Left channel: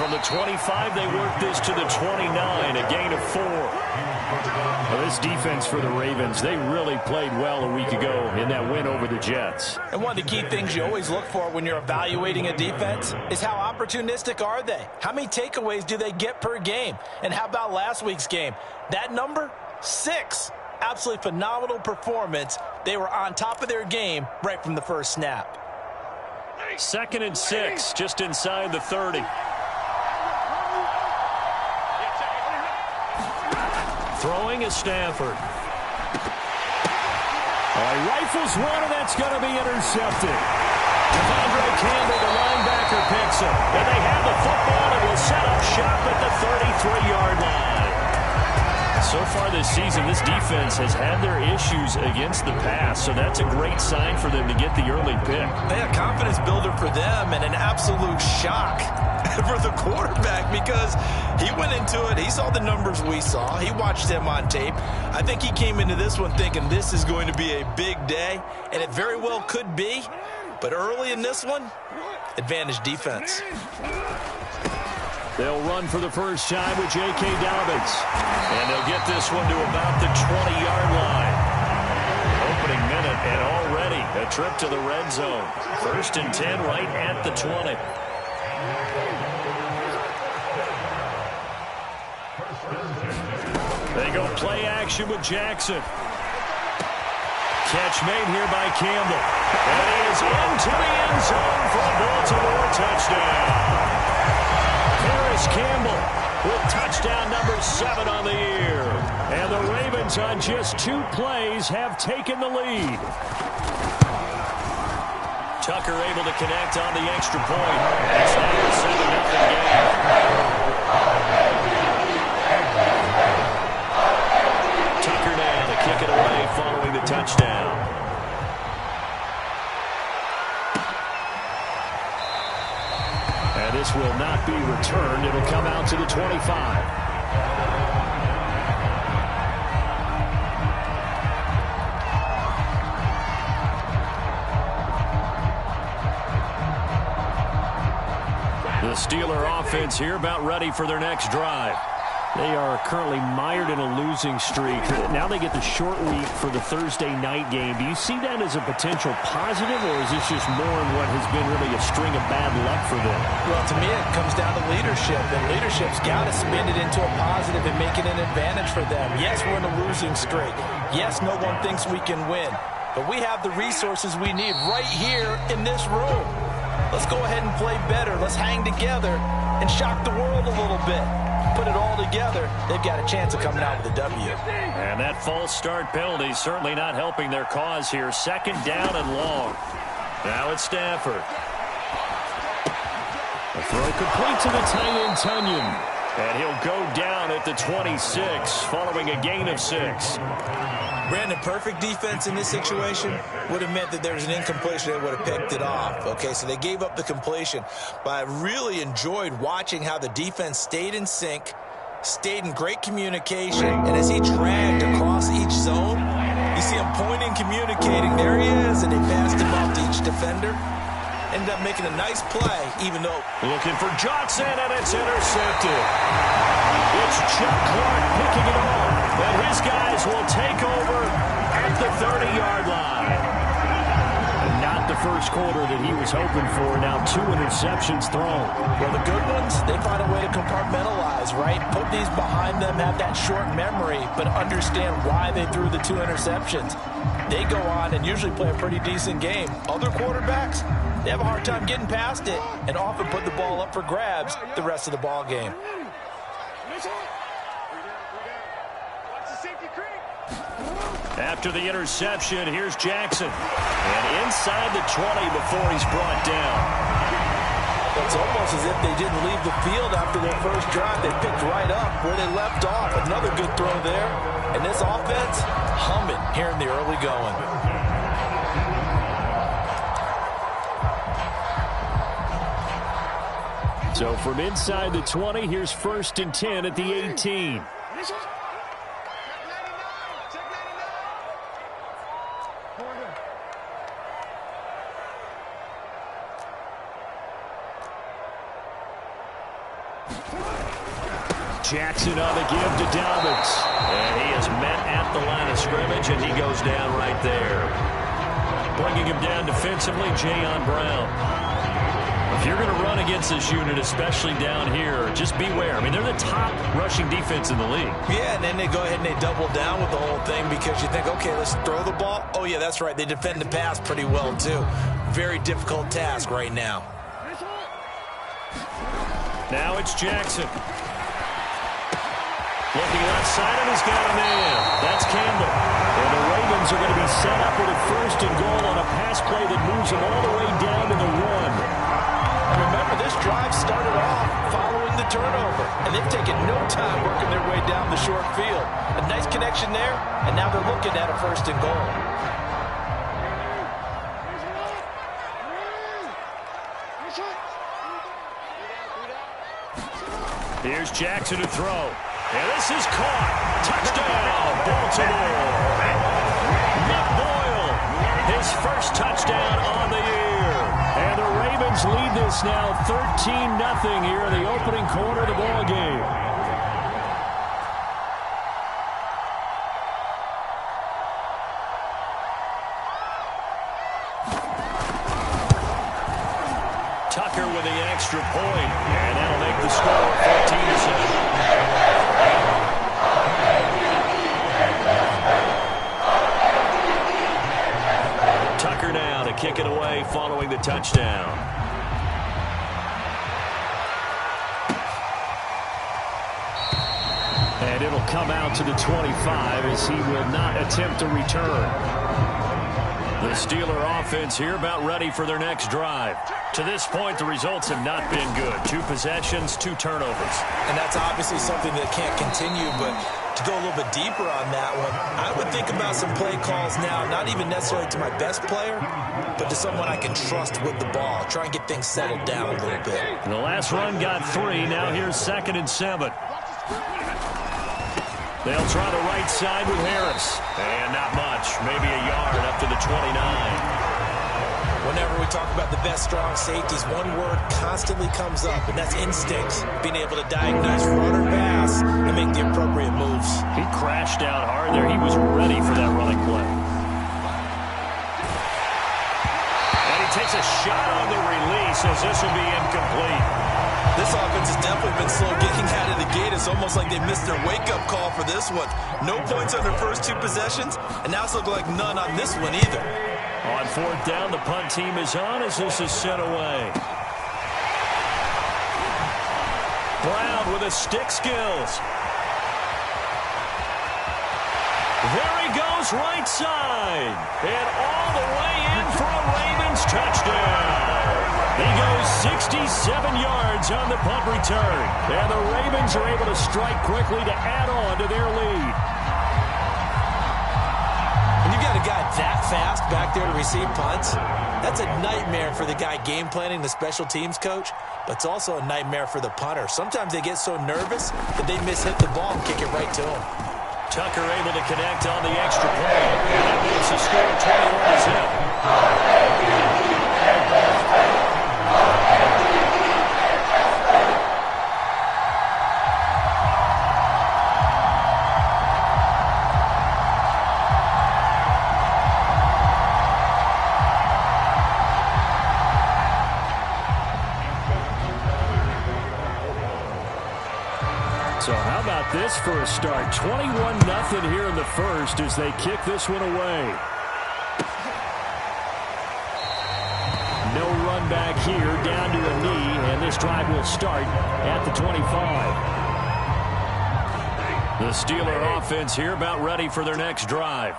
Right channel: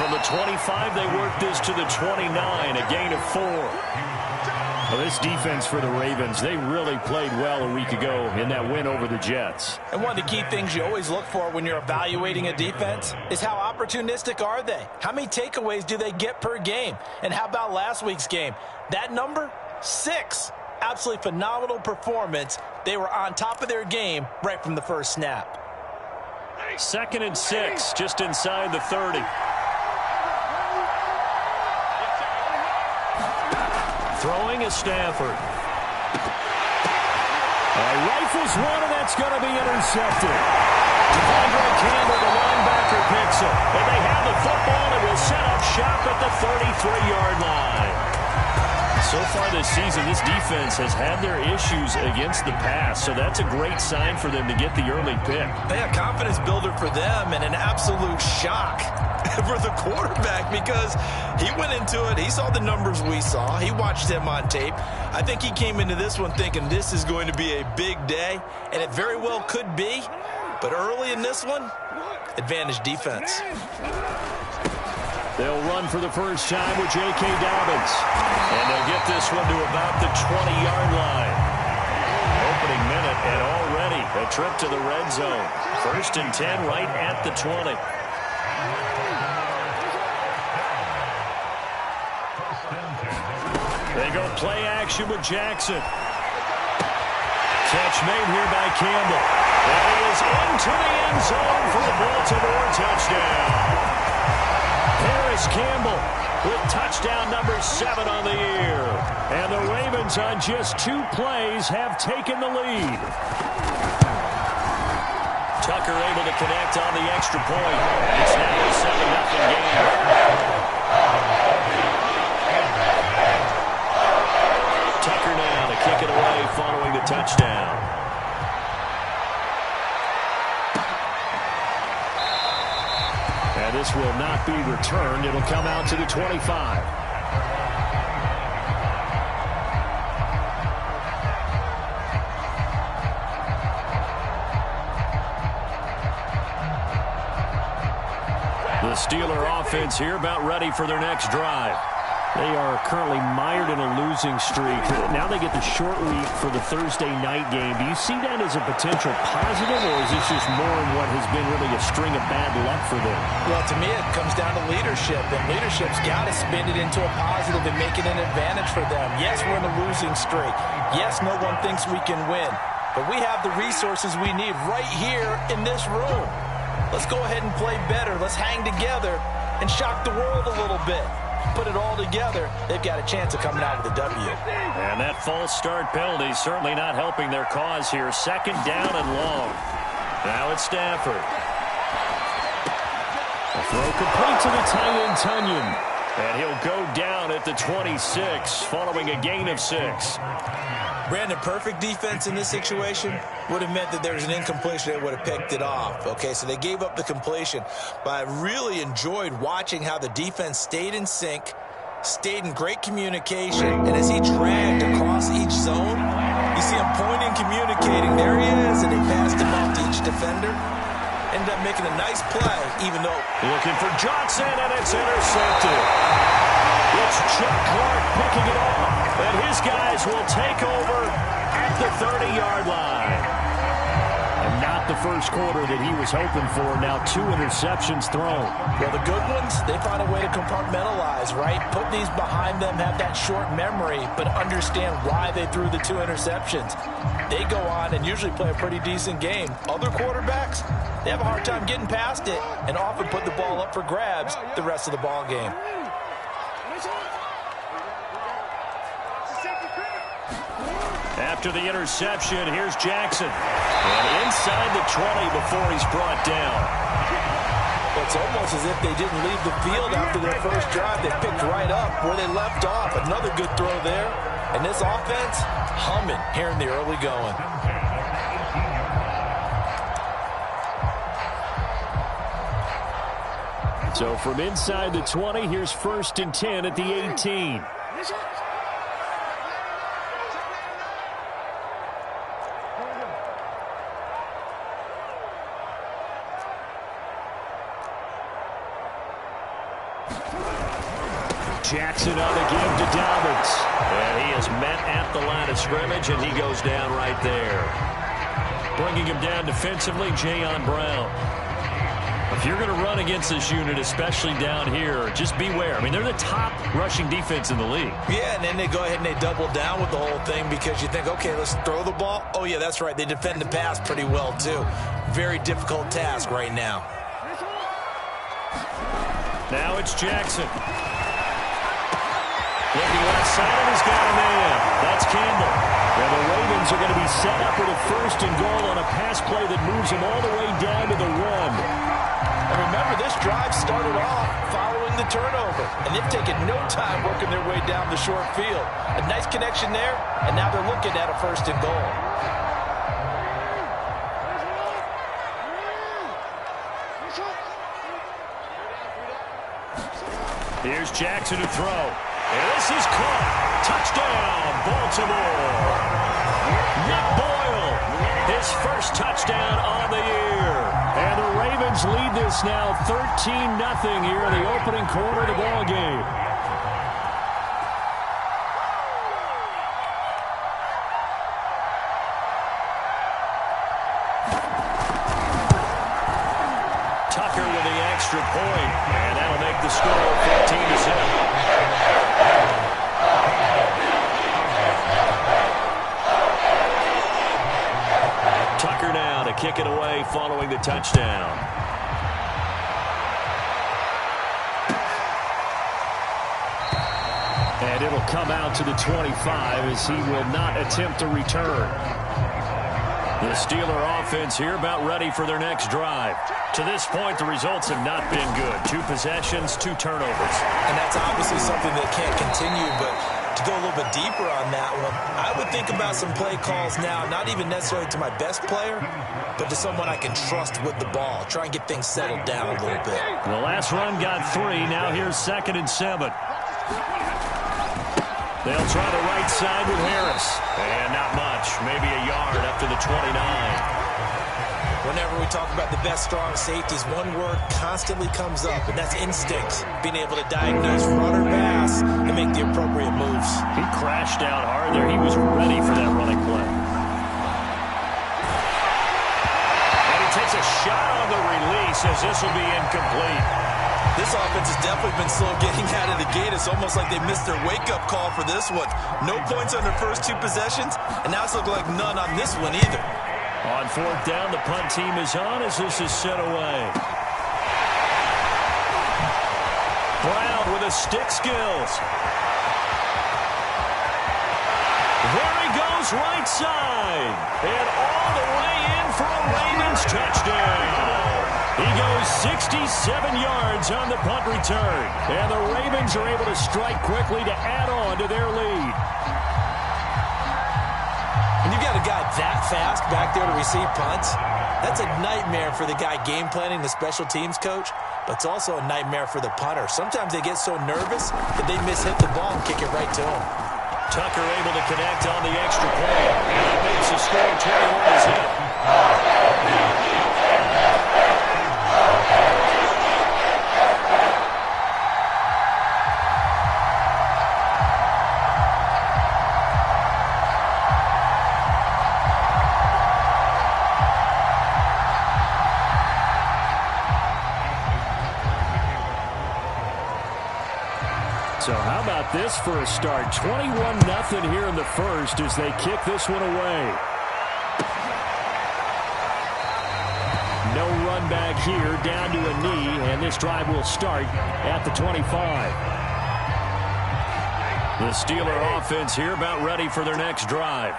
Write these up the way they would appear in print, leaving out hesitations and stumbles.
from the 25, they work this to the 29, a gain of 4. Well, this defense for the Ravens, they really played well a week ago in that win over the Jets. And one of the key things you always look for when you're evaluating a defense is how opportunistic are they? How many takeaways do they get per game? And how about last week's game? That number, 6. Absolutely phenomenal performance. They were on top of their game right from the first snap. 2nd and 6, just inside the 30. Throwing is Stafford. He rifles one, and that's going to be intercepted. Devondre Campbell, the linebacker, picks it. And they have the football and will set up shop at the 33-yard line. So far this season, this defense has had their issues against the pass, so that's a great sign for them to get the early pick. A confidence builder for them and an absolute shock for the quarterback because he went into it. He saw the numbers we saw. He watched them on tape. I think he came into this one thinking this is going to be a big day, and it very well could be. But early in this one, advantage defense. They'll run for the first time with J.K. Dobbins. And they'll get this one to about the 20-yard line. Opening minute and already a trip to the red zone. 1st and 10 right at the 20. They go play action with Jackson. Catch made here by Campbell. And he is into the end zone for a Baltimore touchdown. Paris Campbell with touchdown number 7 on the year. And the Ravens on just 2 plays have taken the lead. Tucker able to connect on the extra point. And it's now a 7-0 game. Tucker now to kick it away following the touchdown. And this will not be returned. It'll come out to the 25. The Steeler offense here about ready for their next drive. They are currently mired in a losing streak. Now they get the short week for the Thursday night game. Do you see that as a potential positive, or is this just more in what has been really a string of bad luck for them? Well, to me, it comes down to leadership, and leadership's got to spin it into a positive and make it an advantage for them. Yes, we're in a losing streak. Yes, no one thinks we can win, but we have the resources we need right here in this room. Let's go ahead and play better. Let's hang together and shock the world a little bit. Put it all together, they've got a chance of coming out with a W. And that false start penalty certainly not helping their cause here. 2nd down and long. Now it's Stafford. A throw complete to the tight end, Tunyon. And he'll go down at the 26 following a gain of 6. Brandon, perfect defense in this situation would have meant that there was an incompletion. They would have picked it off. Okay, so they gave up the completion. But I really enjoyed watching how the defense stayed in sync, stayed in great communication, and as he dragged across each zone, you see him pointing, communicating. There he is, and they passed him off to each defender. Ended up making a nice play, even though... Looking for Johnson, and it's intercepted. It's Chuck Clark picking it off, and his guys will take over at the 30-yard line. And not the first quarter that he was hoping for. Now 2 interceptions thrown. Well, the good ones, they find a way to compartmentalize, right? Put these behind them, have that short memory, but understand why they threw the 2 interceptions. They go on and usually play a pretty decent game. Other quarterbacks, they have a hard time getting past it and often put the ball up for grabs the rest of the ball game. After the interception, here's Jackson. And inside the 20 before he's brought down. Well, it's almost as if they didn't leave the field after their first drive. They picked right up where they left off. Another good throw there. And this offense, humming here in the early going. So from inside the 20, here's 1st and 10 at the 18. Jackson on the give to Dobbins. And he is met at the line of scrimmage, and he goes down right there. Bringing him down defensively, Jayon Brown. If you're going to run against this unit, especially down here, just beware. I mean, they're the top rushing defense in the league. Yeah, and then they go ahead and they double down with the whole thing because you think, okay, let's throw the ball. Oh, yeah, that's right. They defend the pass pretty well, too. Very difficult task right now. Now it's Jackson. Looking left side, and he's got a man. That's Campbell. And the Ravens are going to be set up with a 1st and goal on a pass play that moves them all the way down to the 1. And remember, this drive started off following the turnover, and they've taken no time working their way down the short field. A nice connection there, and now they're looking at a 1st and goal. Here's Jackson to throw. And this is caught. Touchdown, Baltimore. Nick Boyle, his first touchdown on the year. And the Ravens lead this now 13-0 here in the opening quarter of the ball game. Tucker with the extra point, and that'll make the score 14-0. Tucker now to kick it away following the touchdown. And it'll come out to the 25 as he will not attempt to return. The Steeler offense here about ready for their next drive. To this point, the results have not been good. 2 possessions, 2 turnovers. And that's obviously something that can't continue, but to go a little bit deeper on that one, I would think about some play calls now, not even necessarily to my best player, but to someone I can trust with the ball. Try and get things settled down a little bit. The last run got 3. Now here's 2nd and 7. They'll try the right side with Harris. And not much. Maybe a yard up to the 29. Whenever we talk about the best strong safeties, one word constantly comes up, and that's instincts. Being able to diagnose run or pass and make the appropriate moves. He crashed down hard there. He was ready for that running play. And he takes a shot on the release as this will be incomplete. This offense has definitely been slow getting out of the gate. It's almost like they missed their wake-up call for this one. No points on their first 2 possessions, and now it's looking like none on this one either. On 4th down, the punt team is on as this is sent away. Brown with the stick skills. There he goes right side. And all the way in for a Ravens touchdown. He goes 67 yards on the punt return. And the Ravens are able to strike quickly to add on to their lead. And you got a guy that fast back there to receive punts. That's a nightmare for the guy game planning, the special teams coach, but it's also a nightmare for the punter. Sometimes they get so nervous that they mishit the ball and kick it right to him. Tucker able to connect on the extra point, and that makes the score 21-0. So how about this for a start? 21-0 here in the first as they kick this one away. No run back here, down to a knee, and this drive will start at the 25. The Steeler offense here about ready for their next drive.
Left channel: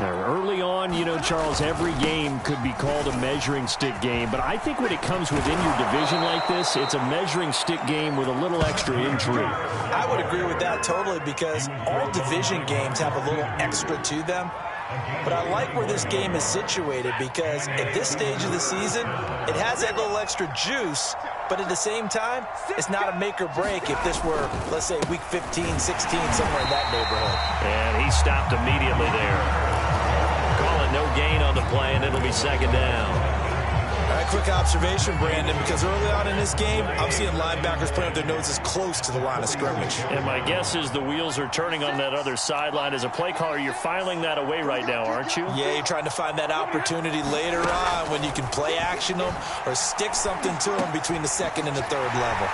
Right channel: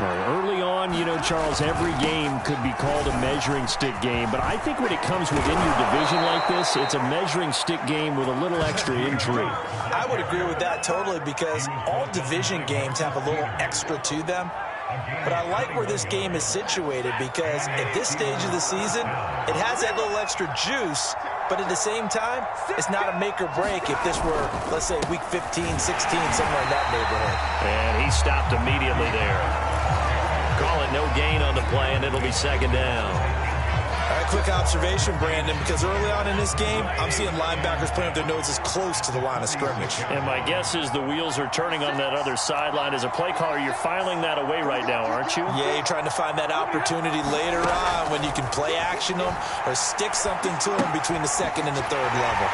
Early on, you know, Charles, every game could be called a measuring stick game, but I think when it comes within your division like this, it's a measuring stick game with a little extra intrigue. I would agree with that totally because all division games have a little extra to them. But I like where this game is situated because at this stage of the season, it has that little extra juice, but at the same time, it's not a make or break if this were, let's say, week 15, 16, somewhere in that neighborhood. And he stopped immediately there. Call it no gain on the play, and it'll be 2nd down. All right, quick observation, Brandon, because early on in this game, I'm seeing linebackers playing with their noses close to the line of scrimmage. And my guess is the wheels are turning on that other sideline. As a play caller, you're filing that away right now, aren't you? Yeah, you're trying to find that opportunity later on when you can play action them or stick something to them between the second and the third level.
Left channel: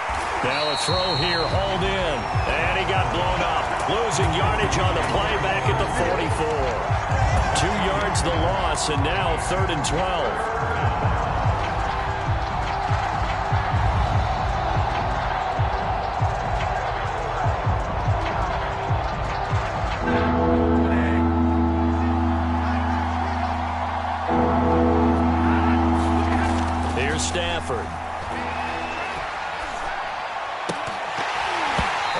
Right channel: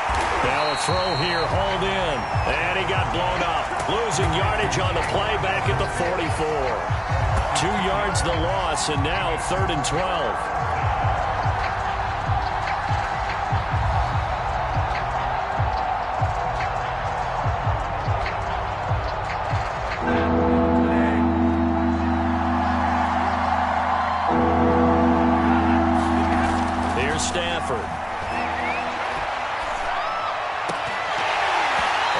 Now a throw here, hauled in, and he got blown up. Losing yardage on the play back at the 44. 2 yards the loss, and now 3rd and 12. Here's Stafford.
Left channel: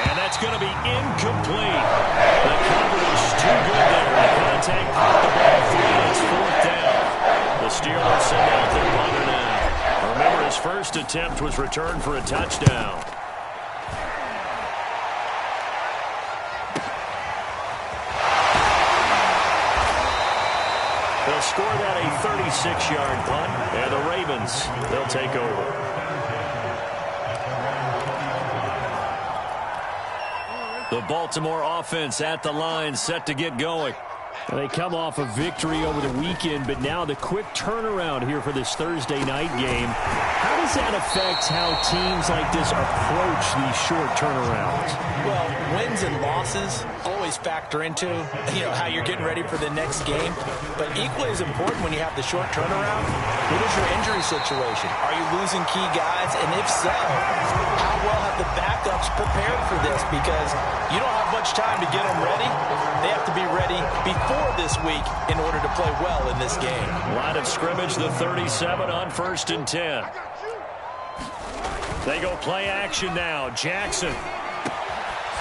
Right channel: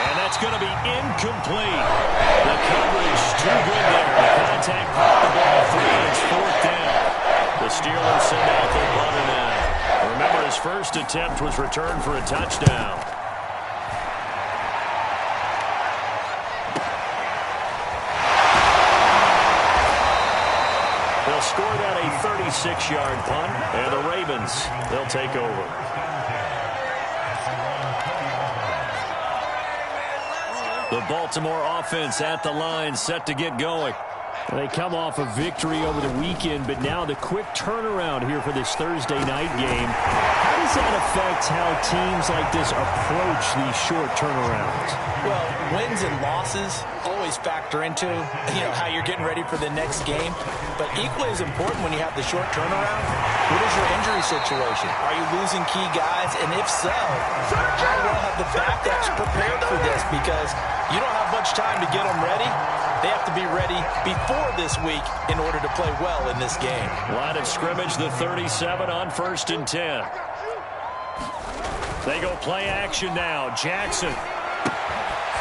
And that's going to be incomplete. The coverage too good there. The contact popped the ball free, and it's 4th down. The Steelers send out their punter now. Remember, his first attempt was returned for a touchdown. They'll score that a 36-yard punt, and the Ravens, they'll take over. The Baltimore offense at the line, set to get going. They come off a victory over the weekend, but now the quick turnaround here for this Thursday night game. How does that affect how teams like this approach these short turnarounds? Well, wins and losses always factor into, how you're getting ready for the next game. But equally as important when you have the short turnaround, what is your injury situation? Are you losing key guys? And if so, how well have the backups prepared for this? Because you don't have much time to get them ready. They have to be ready before this week in order to play well in this game. Line of scrimmage, the 37 on 1st and 10. They go play action now. Jackson.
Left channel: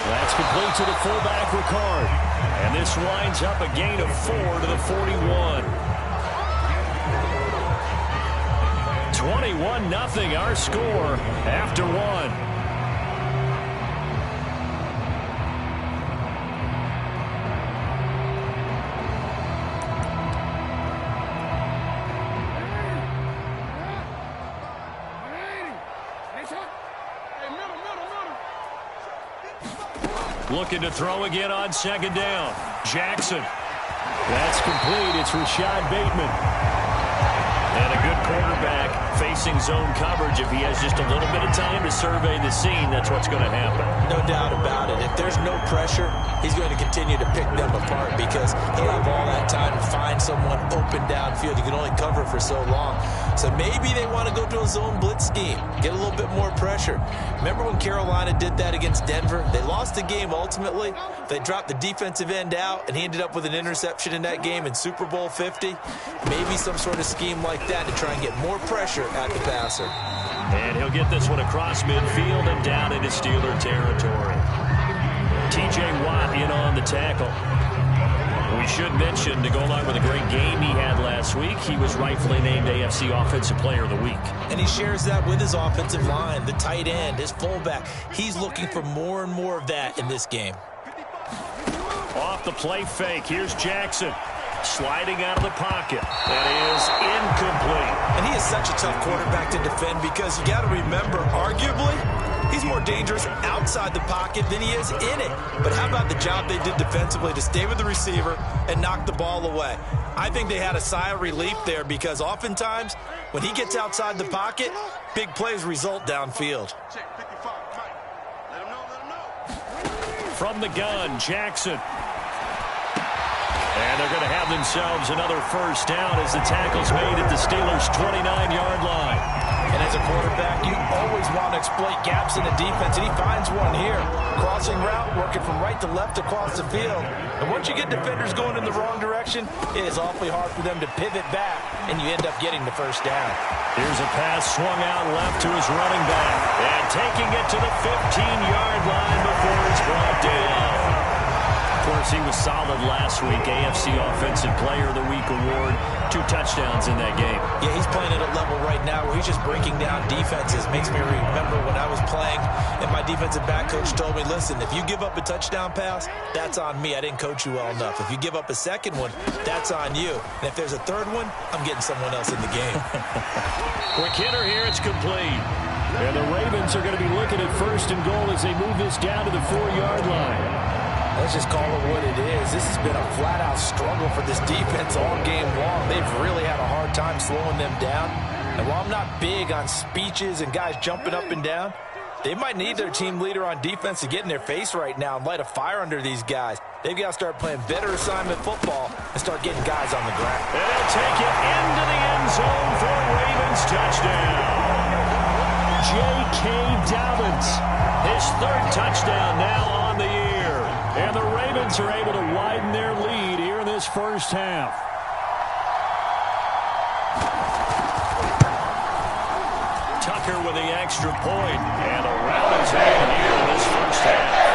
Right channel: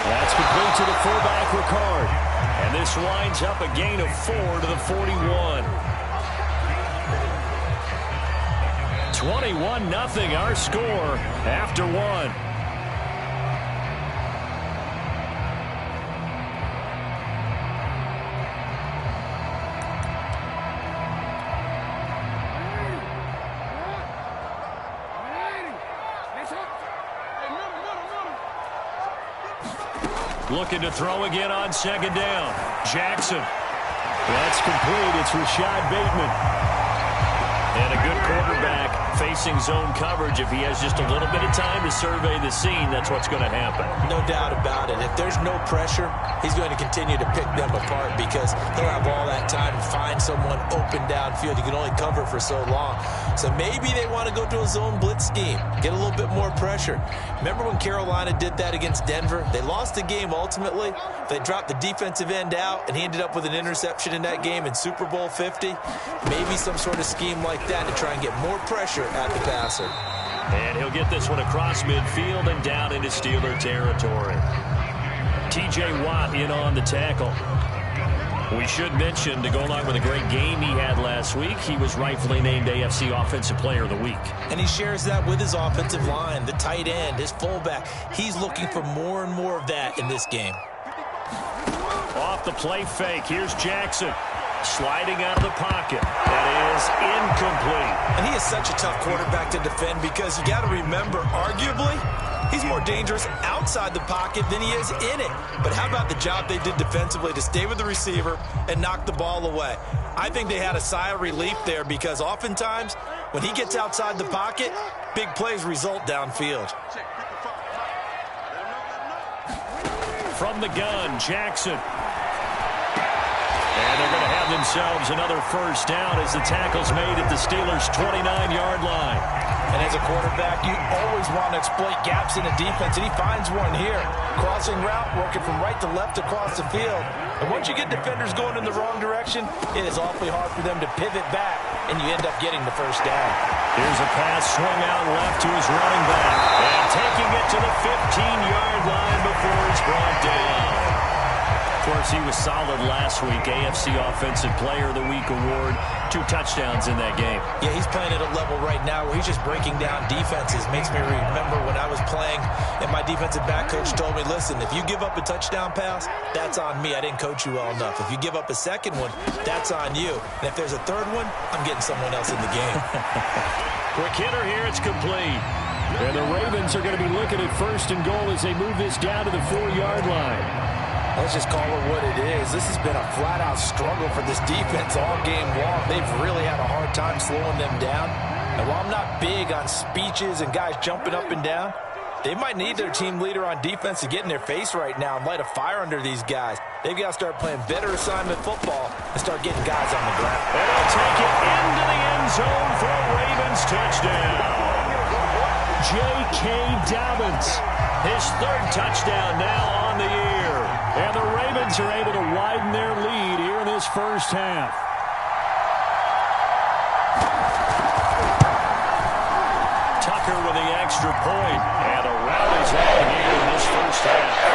That's complete to the fullback, Ricard. And this winds up a gain of 4 to the 41. 21-0 our score after 1. Looking to throw again on 2nd down. Jackson. That's complete. It's Rashad Bateman. And a good quarterback facing zone coverage. If he has just a little bit of time to survey the scene, that's what's going to happen. No doubt about it. If there's no pressure, he's going to continue to pick them apart because he'll have all that time to find someone open downfield. You can only cover for so long. So maybe they want to go to a zone blitz scheme, get a little bit more pressure. Remember when Carolina did that against Denver? They lost the game ultimately. They dropped the defensive end out, and he ended up with an interception in that game in Super Bowl 50. Maybe some sort of scheme like that to try and get more pressure at the passer. And he'll get this one across midfield and down into Steeler territory. T.J. Watt in on the tackle. We should mention, to go along with a great game he had last week, he was rightfully named AFC Offensive Player of the Week. And he shares that with his offensive line, the tight end, his fullback. He's looking for more and more of that in this game. Off the play fake, here's Jackson. Sliding out of the pocket. That is incomplete. And he is such a tough quarterback to defend because you got to remember, arguably, he's more dangerous outside the pocket than he is in it. But how about the job they did defensively to stay with the receiver and knock the ball away? I think they had a sigh of relief there because oftentimes when he gets outside the pocket, big plays result downfield. From the gun, Jackson. And they're going to have themselves another first down as the tackle's made at the Steelers' 29-yard line. And as a quarterback, you always want to exploit gaps in the defense, and he finds one here. Crossing route, working from right to left across the field. And once you get defenders going in the wrong direction, it is awfully hard for them to pivot back, and you end up getting the first down. Here's a pass swung out left to his running back. And taking it to the 15-yard line before he's brought down. course, he was solid last week. AFC Offensive Player of the Week award. 2 touchdowns in that game. Yeah, he's playing at a level right now where he's just breaking down defenses. Makes me remember when I was playing and my defensive back coach told me, listen, if you give up a touchdown pass, that's on me. I didn't coach you well enough. If you give up a second one, that's on you. And if there's a third one, I'm getting someone else in the game. Quick hitter here. It's complete. And the Ravens are going to be looking at 1st and goal as they move this down to the 4-yard line. Let's just call it what it is. This has been a flat-out struggle for this defense all game long. They've really had a hard time slowing them down. And while I'm not big on speeches and guys jumping up and down, they might need their team leader on defense to get in their face right now and light a fire under these guys. They've got to start playing better assignment football and start getting guys on the ground. And they'll take it into the end zone for a Ravens touchdown. J.K. Dobbins, his 3rd touchdown now on the year. And the Ravens are able to widen their lead here in this first half. Tucker with the extra point. And a rout is on here in this first half.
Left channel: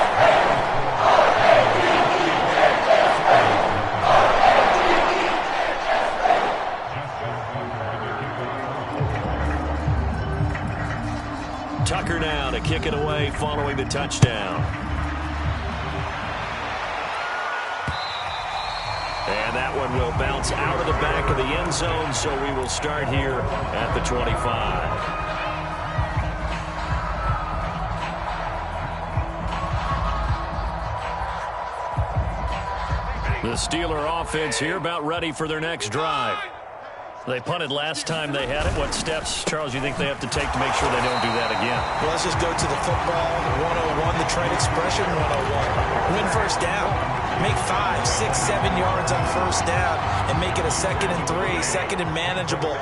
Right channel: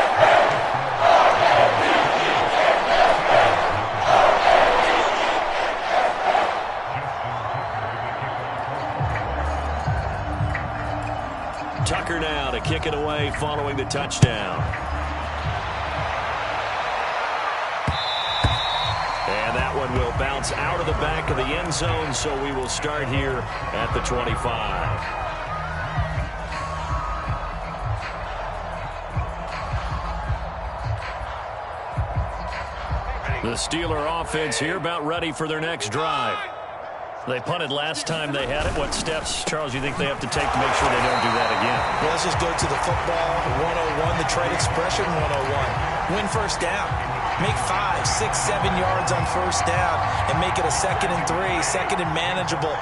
Tucker now to kick it away following the touchdown. And that one will bounce out of the back of the end zone, so we will start here at the 25. The Steeler offense here about ready for their next drive. They punted last time they had it. What steps, Charles, you think they have to take to make sure they don't do that again? Well, let's just go to the football 101, the trade expression 101. Win first down. Make 5, 6, 7 yards on first down and make it a 2nd and 3, 2nd and manageable.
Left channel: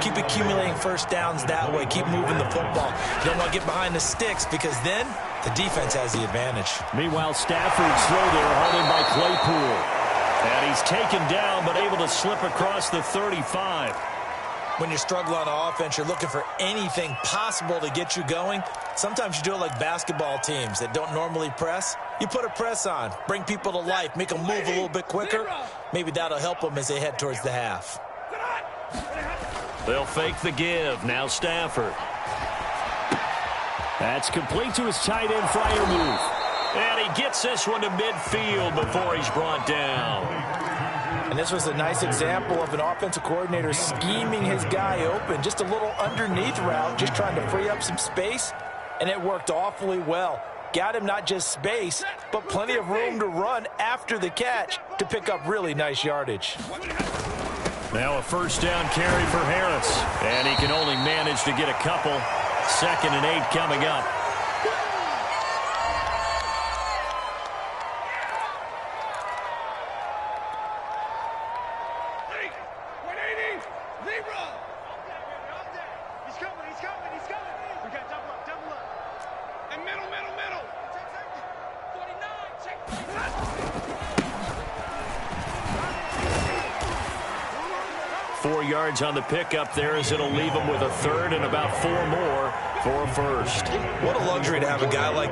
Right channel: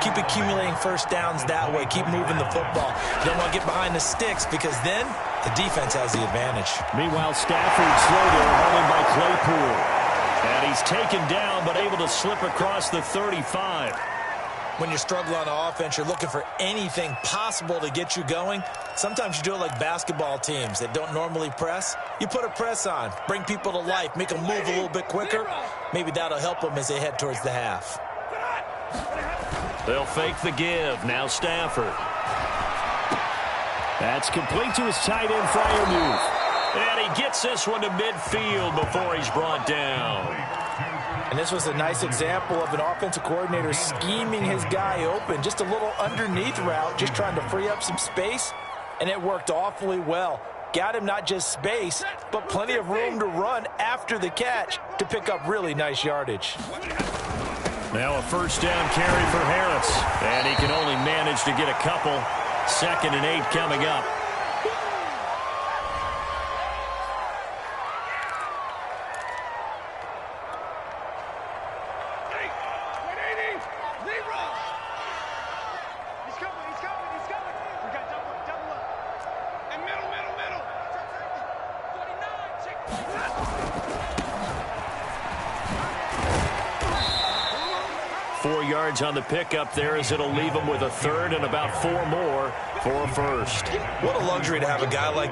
Keep accumulating first downs that way. Keep moving the football. You don't want to get behind the sticks because then the defense has the advantage. Meanwhile, Stafford slow there, hauled in by Claypool. And he's taken down, but able to slip across the 35. When you're struggling on offense, you're looking for anything possible to get you going. Sometimes you do it like basketball teams that don't normally press. You put a press on, bring people to life, make them move a little bit quicker. Maybe that'll help them as they head towards the half. They'll fake the give. Now Stafford. That's complete to his tight end Freiermuth. And he gets this one to midfield before he's brought down. And this was a nice example of an offensive coordinator scheming his guy open. Just a little underneath route, just trying to free up some space. And it worked awfully well. Got him not just space, but plenty of room to run after the catch to pick up really nice yardage. Now a first down carry for Harris. And he can only manage to get a couple. 2nd and 8 coming up. We got double up. And middle. 49, check. 4 yards on the pickup there as it'll leave him with a 3rd and about 4 more for a first. What a luxury to have a guy like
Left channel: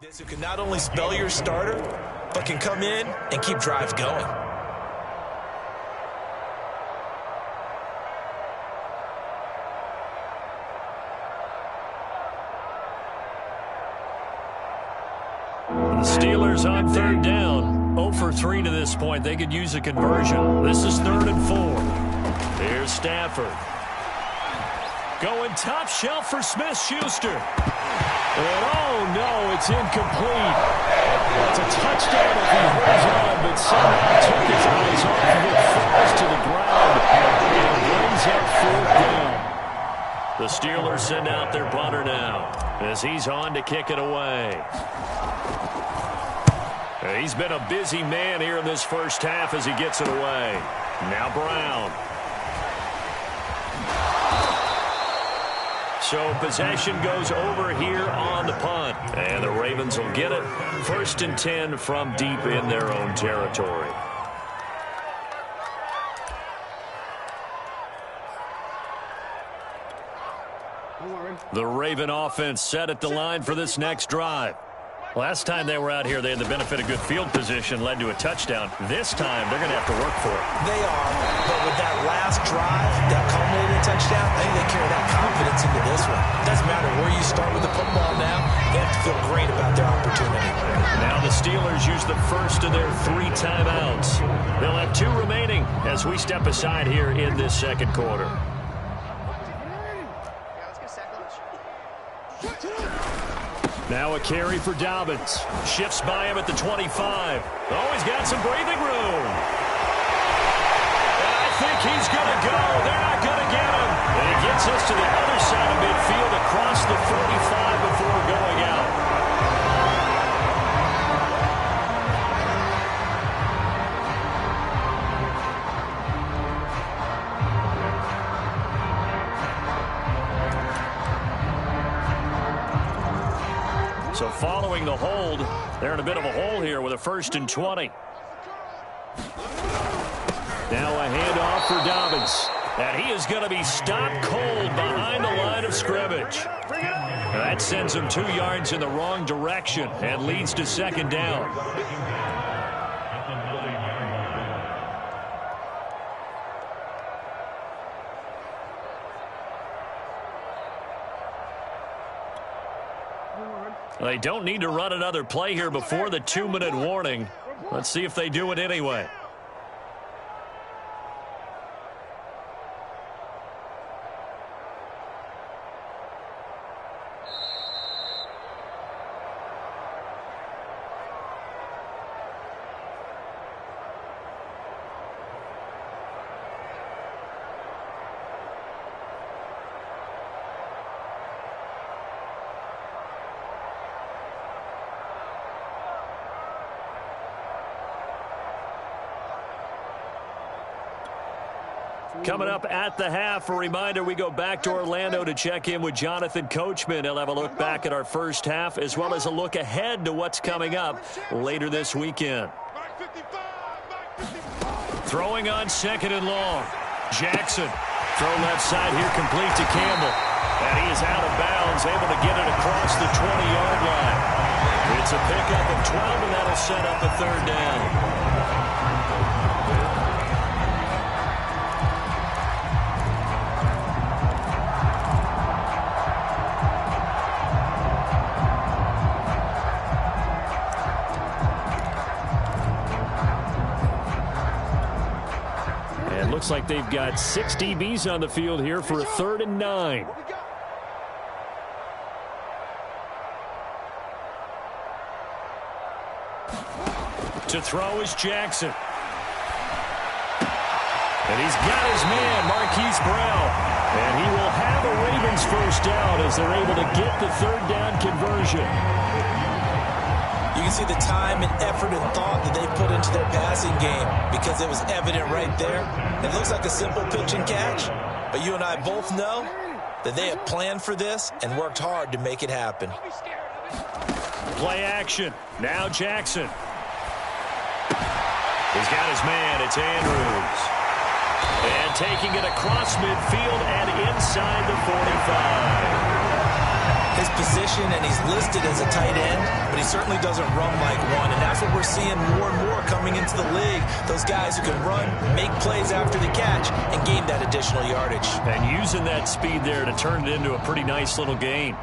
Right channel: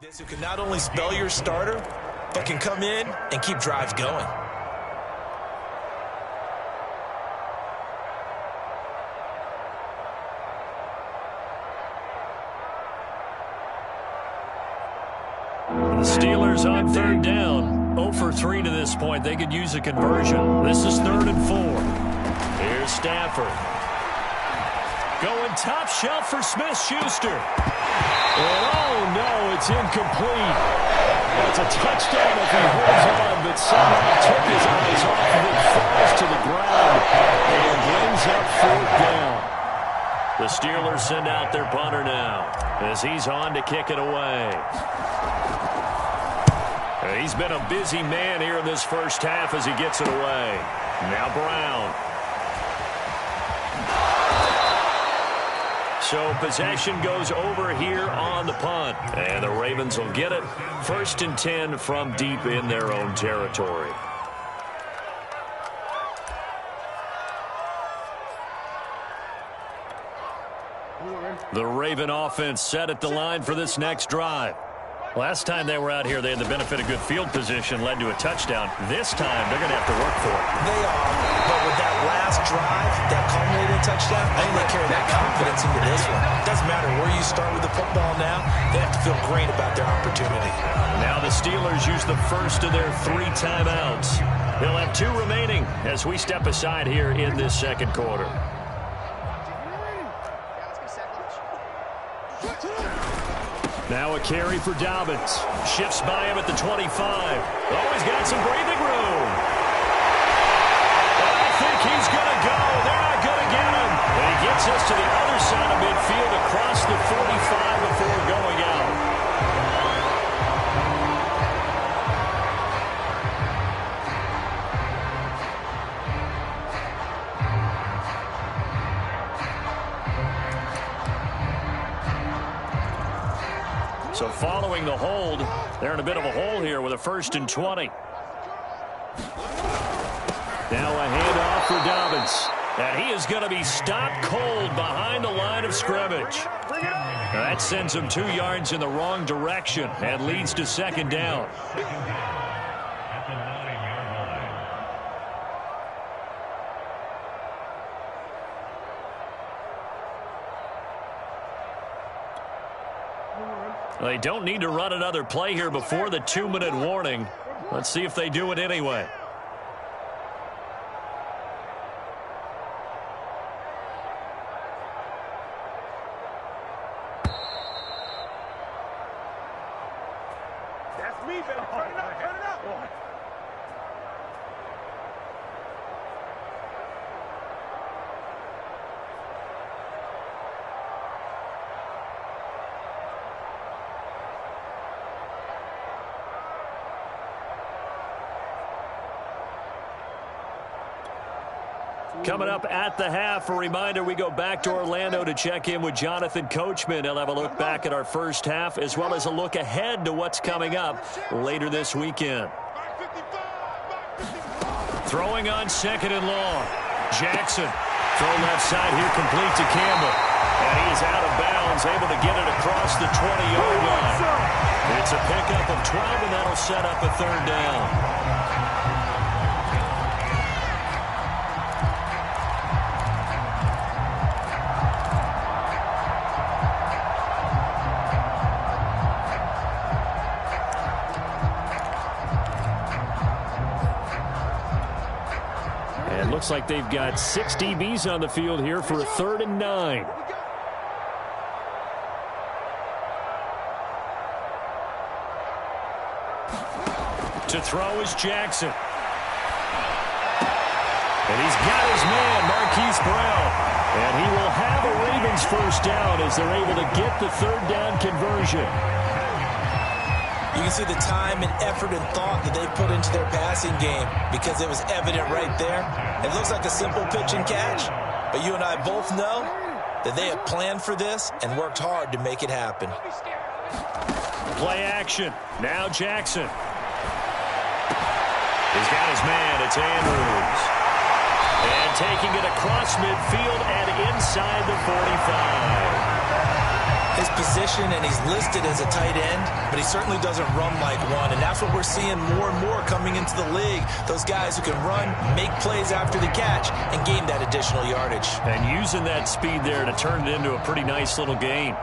this, who can not only spell your starter, but can come in and keep drives going. The Steelers on 3rd down. 0 for 3 to this point. They could use a conversion. This is 3rd and 4. Here's Stafford. Going top shelf for Smith-Schuster. And oh no, it's incomplete. That's a touchdown if he holds on, but somehow took his eyes off of it, falls to the ground, and brings up 4th down. The Steelers send out their punter now as he's on to kick it away. He's been a busy man here in this first half as he gets it away. Now Brown. So possession goes over here on the punt. And the Ravens will get it. 1st and 10 from deep in their own territory. The Raven offense set at the line for this next drive. Last time they were out here, they had the benefit of good field position, led to a touchdown. This time, they're going to have to work for it. They are, but with that last drive, that culminated touchdown, I think they carry that confidence into this one. It doesn't matter where you start with the football now. They have to feel great about their opportunity. Now the Steelers use the first of their 3 timeouts. They'll have 2 remaining as we step aside here in this second quarter. Now a carry for Dobbins. Shifts by him at the 25. Oh, he's got some breathing room. And I think he's going to go. They're not going to get him. And he gets us to the other side of midfield across the 45 before going out. So following the hold, they're in a bit of a hole here with a 1st and 20. Now a handoff for Dobbins. And he is going to be stopped cold behind the line of scrimmage. Now that sends him 2 yards in the wrong direction and leads to 2nd down. They don't need to run another play here before the 2-minute warning. Let's see if they do it anyway. Coming up at the half, a reminder, we go back to Orlando to check in with Jonathan Coachman. He'll have a look back at our first half as well as a look ahead to what's coming up later this weekend. Throwing on 2nd and long. Jackson. Throw left side here, complete to Campbell. And he is out of bounds, able to get it across the 20-yard line. It's a pickup of 12, and that'll set up a 3rd down. Looks like they've got 6 DBs on the field here for a 3rd and 9. To throw is Jackson. And he's got his man, Marquise Brown. And he will have a Ravens 1st down as they're able to get the 3rd down conversion. You can see the time and effort and thought that they put into their passing game because it was evident right there. It looks like a simple pitch and catch, but you and I both know that they have planned for this and worked hard to make it happen. Play action. Now Jackson. He's got his man. It's Andrews. And taking it across midfield and inside the 45. His position, and he's listed as a tight end, but he certainly doesn't run like one, and that's what we're seeing more and more coming into the league. Those guys who can run, make plays after the catch, and gain that additional yardage. And using that speed there to turn it into a pretty nice little gain.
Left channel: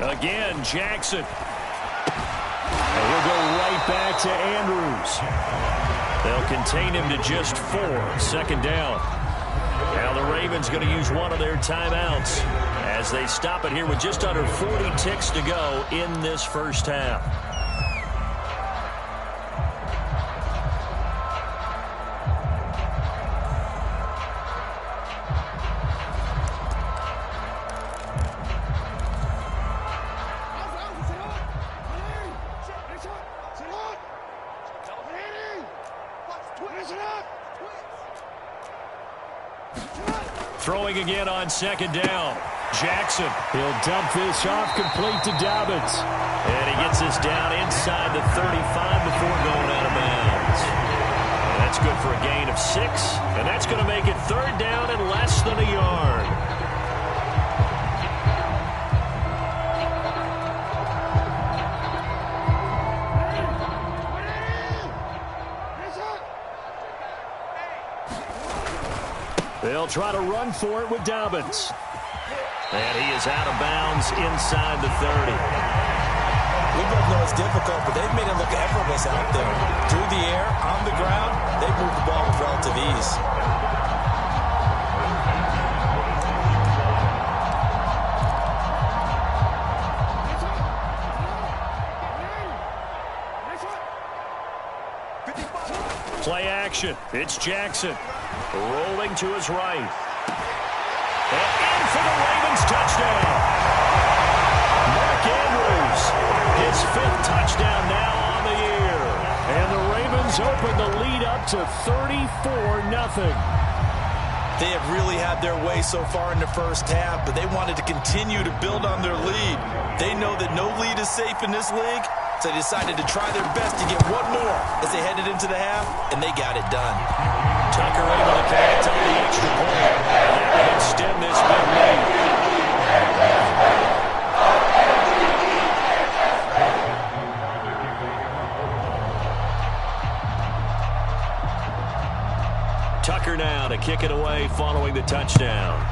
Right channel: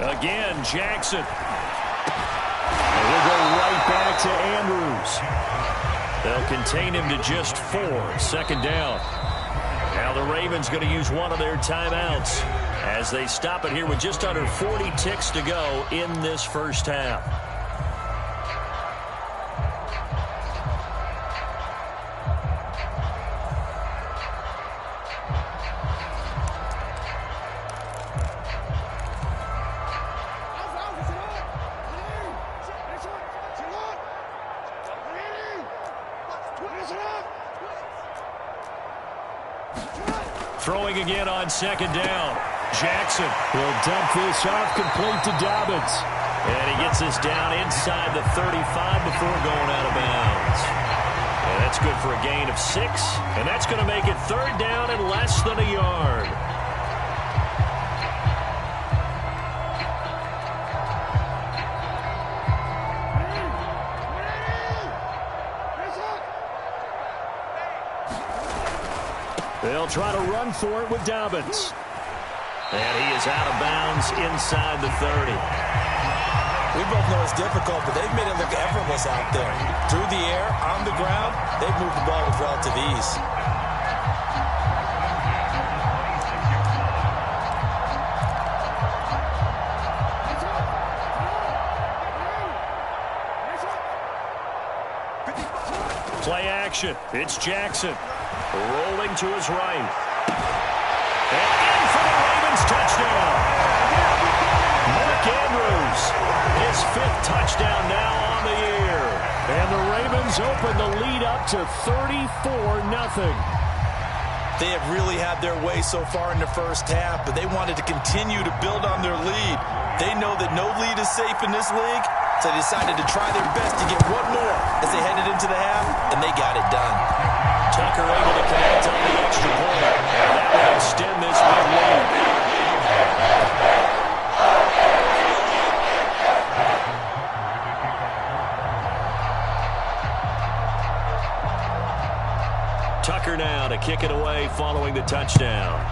Again, Jackson. And he'll go right back to Andrews. They'll contain him to just 4. 2nd down. Now the Ravens going to use one of their timeouts as they stop it here with just under 40 ticks to go in this 1st half. Throwing again on second down. Jackson. He'll dump this off complete to Dobbins. And he gets this down inside the 35 before going out of bounds. And that's good for a gain of 6. And that's going to make it third down and less than a yard. They'll try to run for it with Dobbins. And he is out of bounds inside the 30. We both know it's difficult, but they've made it look effortless out there. Through the air, on the ground, they've moved the ball with relative ease. Play action. It's Jackson. Rolling to his right. And in for the Ravens touchdown. Mark Andrews, his 5th touchdown now on the year. And the Ravens open the lead up to 34-0. They have really had their way so far in the first half, but they wanted to continue to build on their lead. They know that no lead is safe in this league, so they decided to try their best to get one more as they headed into the half, and they got it done. Tucker able to connect on the extra point, and that will extend this big lead. Tucker now to kick it away following the touchdown.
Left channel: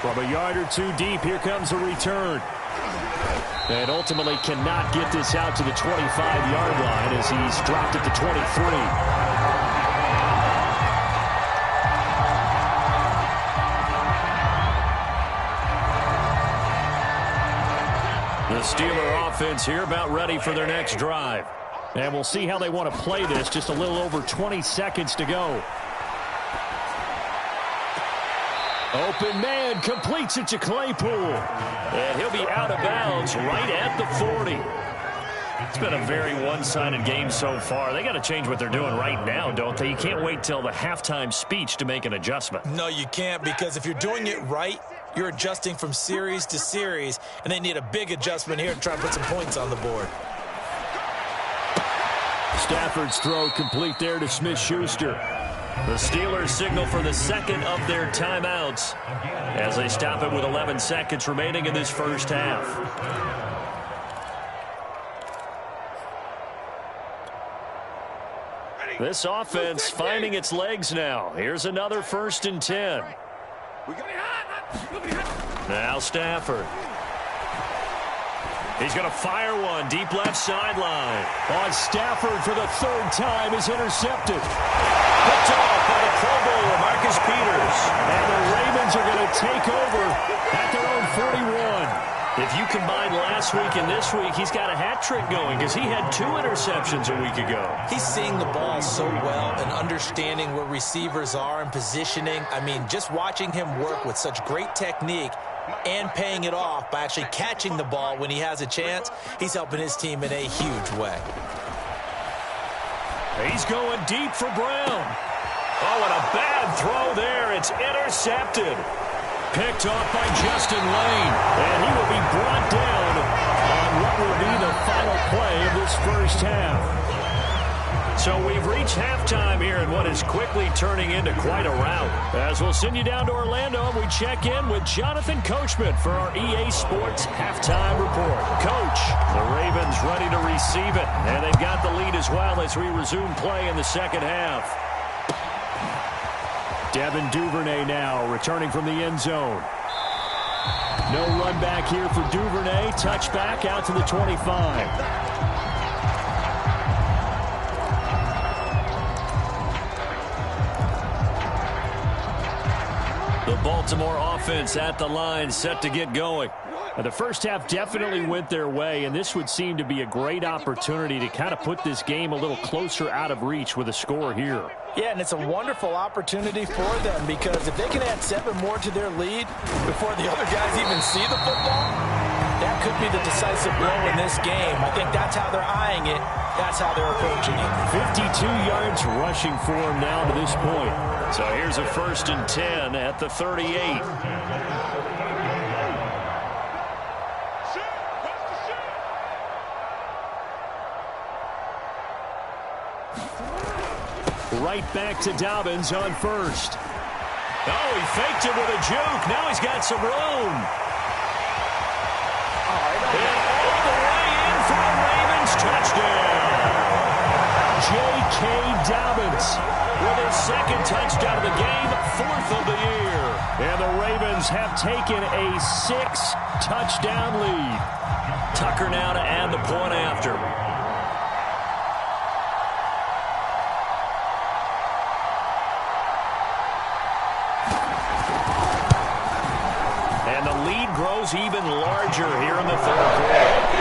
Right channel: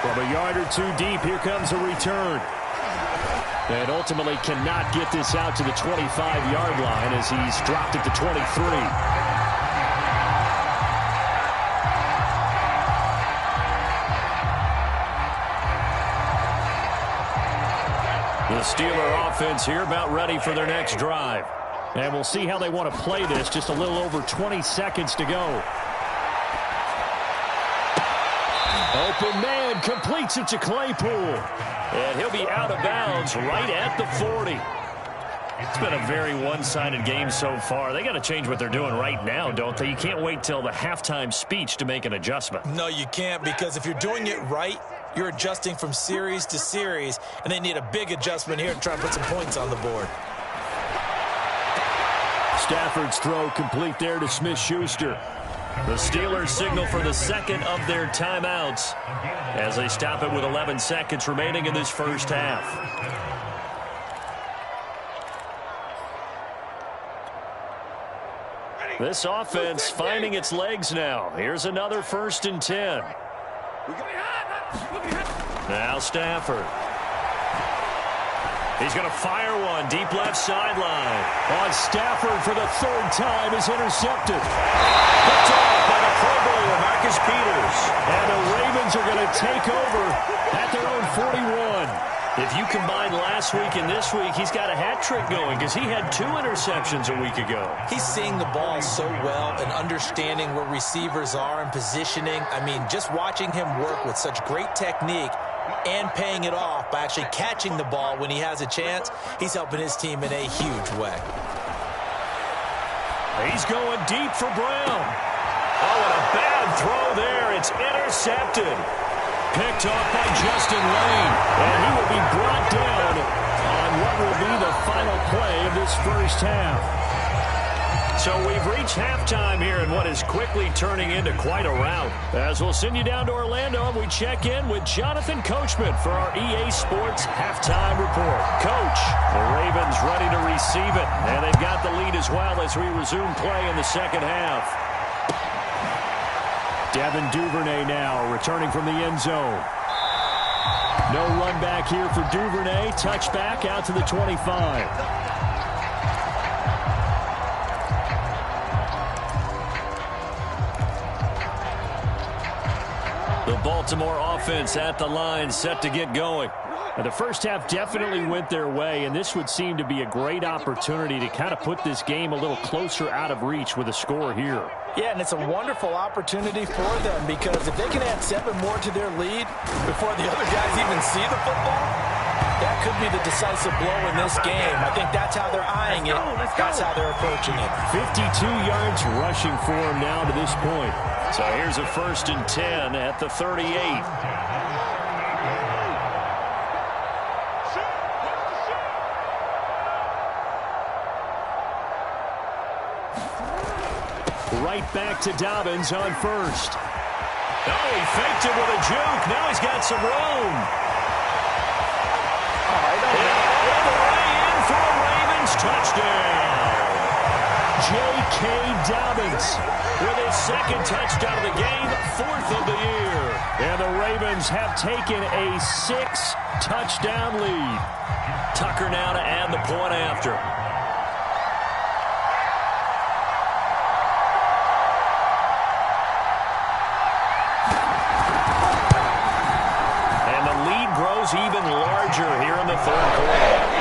From a yard or 2 deep, here comes a return. And ultimately cannot get this out to the 25-yard line as he's dropped at the 23. The Steeler offense here about ready for their next drive. And we'll see how they want to play this. Just a little over 20 seconds to go. Open man completes it to Claypool. And he'll be out of bounds right at the 40. It's been a very one-sided game so far. They got to change what they're doing right now, don't they? You can't wait till the halftime speech to make an adjustment. No, you can't, because if you're doing it right, you're adjusting from series to series, and they need a big adjustment here to try to put some points on the board. Stafford's throw complete there to Smith-Schuster. The Steelers signal for the second of their timeouts as they stop it with 11 seconds remaining in this first half. This offense finding its legs now. Here's another 1st and 10. Now Stafford. He's going to fire one deep left sideline. On Stafford for the 3rd time is intercepted. Picked off by the Pro Bowler, Marcus Peters. And the Ravens are going to take over at their own 41. If you combine last week and this week, he's got a hat trick going because he had 2 interceptions a week ago. He's seeing the ball so well and understanding where receivers are and positioning. I mean, just watching him work with such great technique and paying it off by actually catching the ball when he has a chance, he's helping his team in a huge way. He's going deep for Brown. Oh, and a bad throw there. It's intercepted. Picked off by Justin Lane. And he will be brought down on what will be the final play of this first half. So we've reached halftime here in what is quickly turning into quite a rout. As we'll send you down to Orlando, we check in with Jonathan Coachman for our EA Sports Halftime Report. Coach, the Ravens ready to receive it, and they've got the lead as well as we resume play in the second half. Devin Duvernay now returning from the end zone. No run back here for Duvernay. Touchback out to the 25. The Baltimore offense at the line, set to get going. The first half definitely went their way, and this would seem to be a great opportunity to kind of put this game a little closer out of reach with a score here. Yeah, and it's a wonderful opportunity for them because if they can add 7 more to their lead before the other guys even see the football, That could be the decisive blow in this game. I think that's how they're eyeing it. That's how they're approaching it. 52 yards rushing for him now to this point. So here's a 1st and 10 at the 38. Right back to Dobbins on 1st. Oh, he faked it with a juke. Now he's got some room. And all the way in for a Ravens touchdown. J.K. Dobbins with his 2nd touchdown of the game, 4th of the year. And the Ravens have taken a 6-touchdown lead. Tucker now to add the point after. And the lead grows even larger here in the 3rd quarter.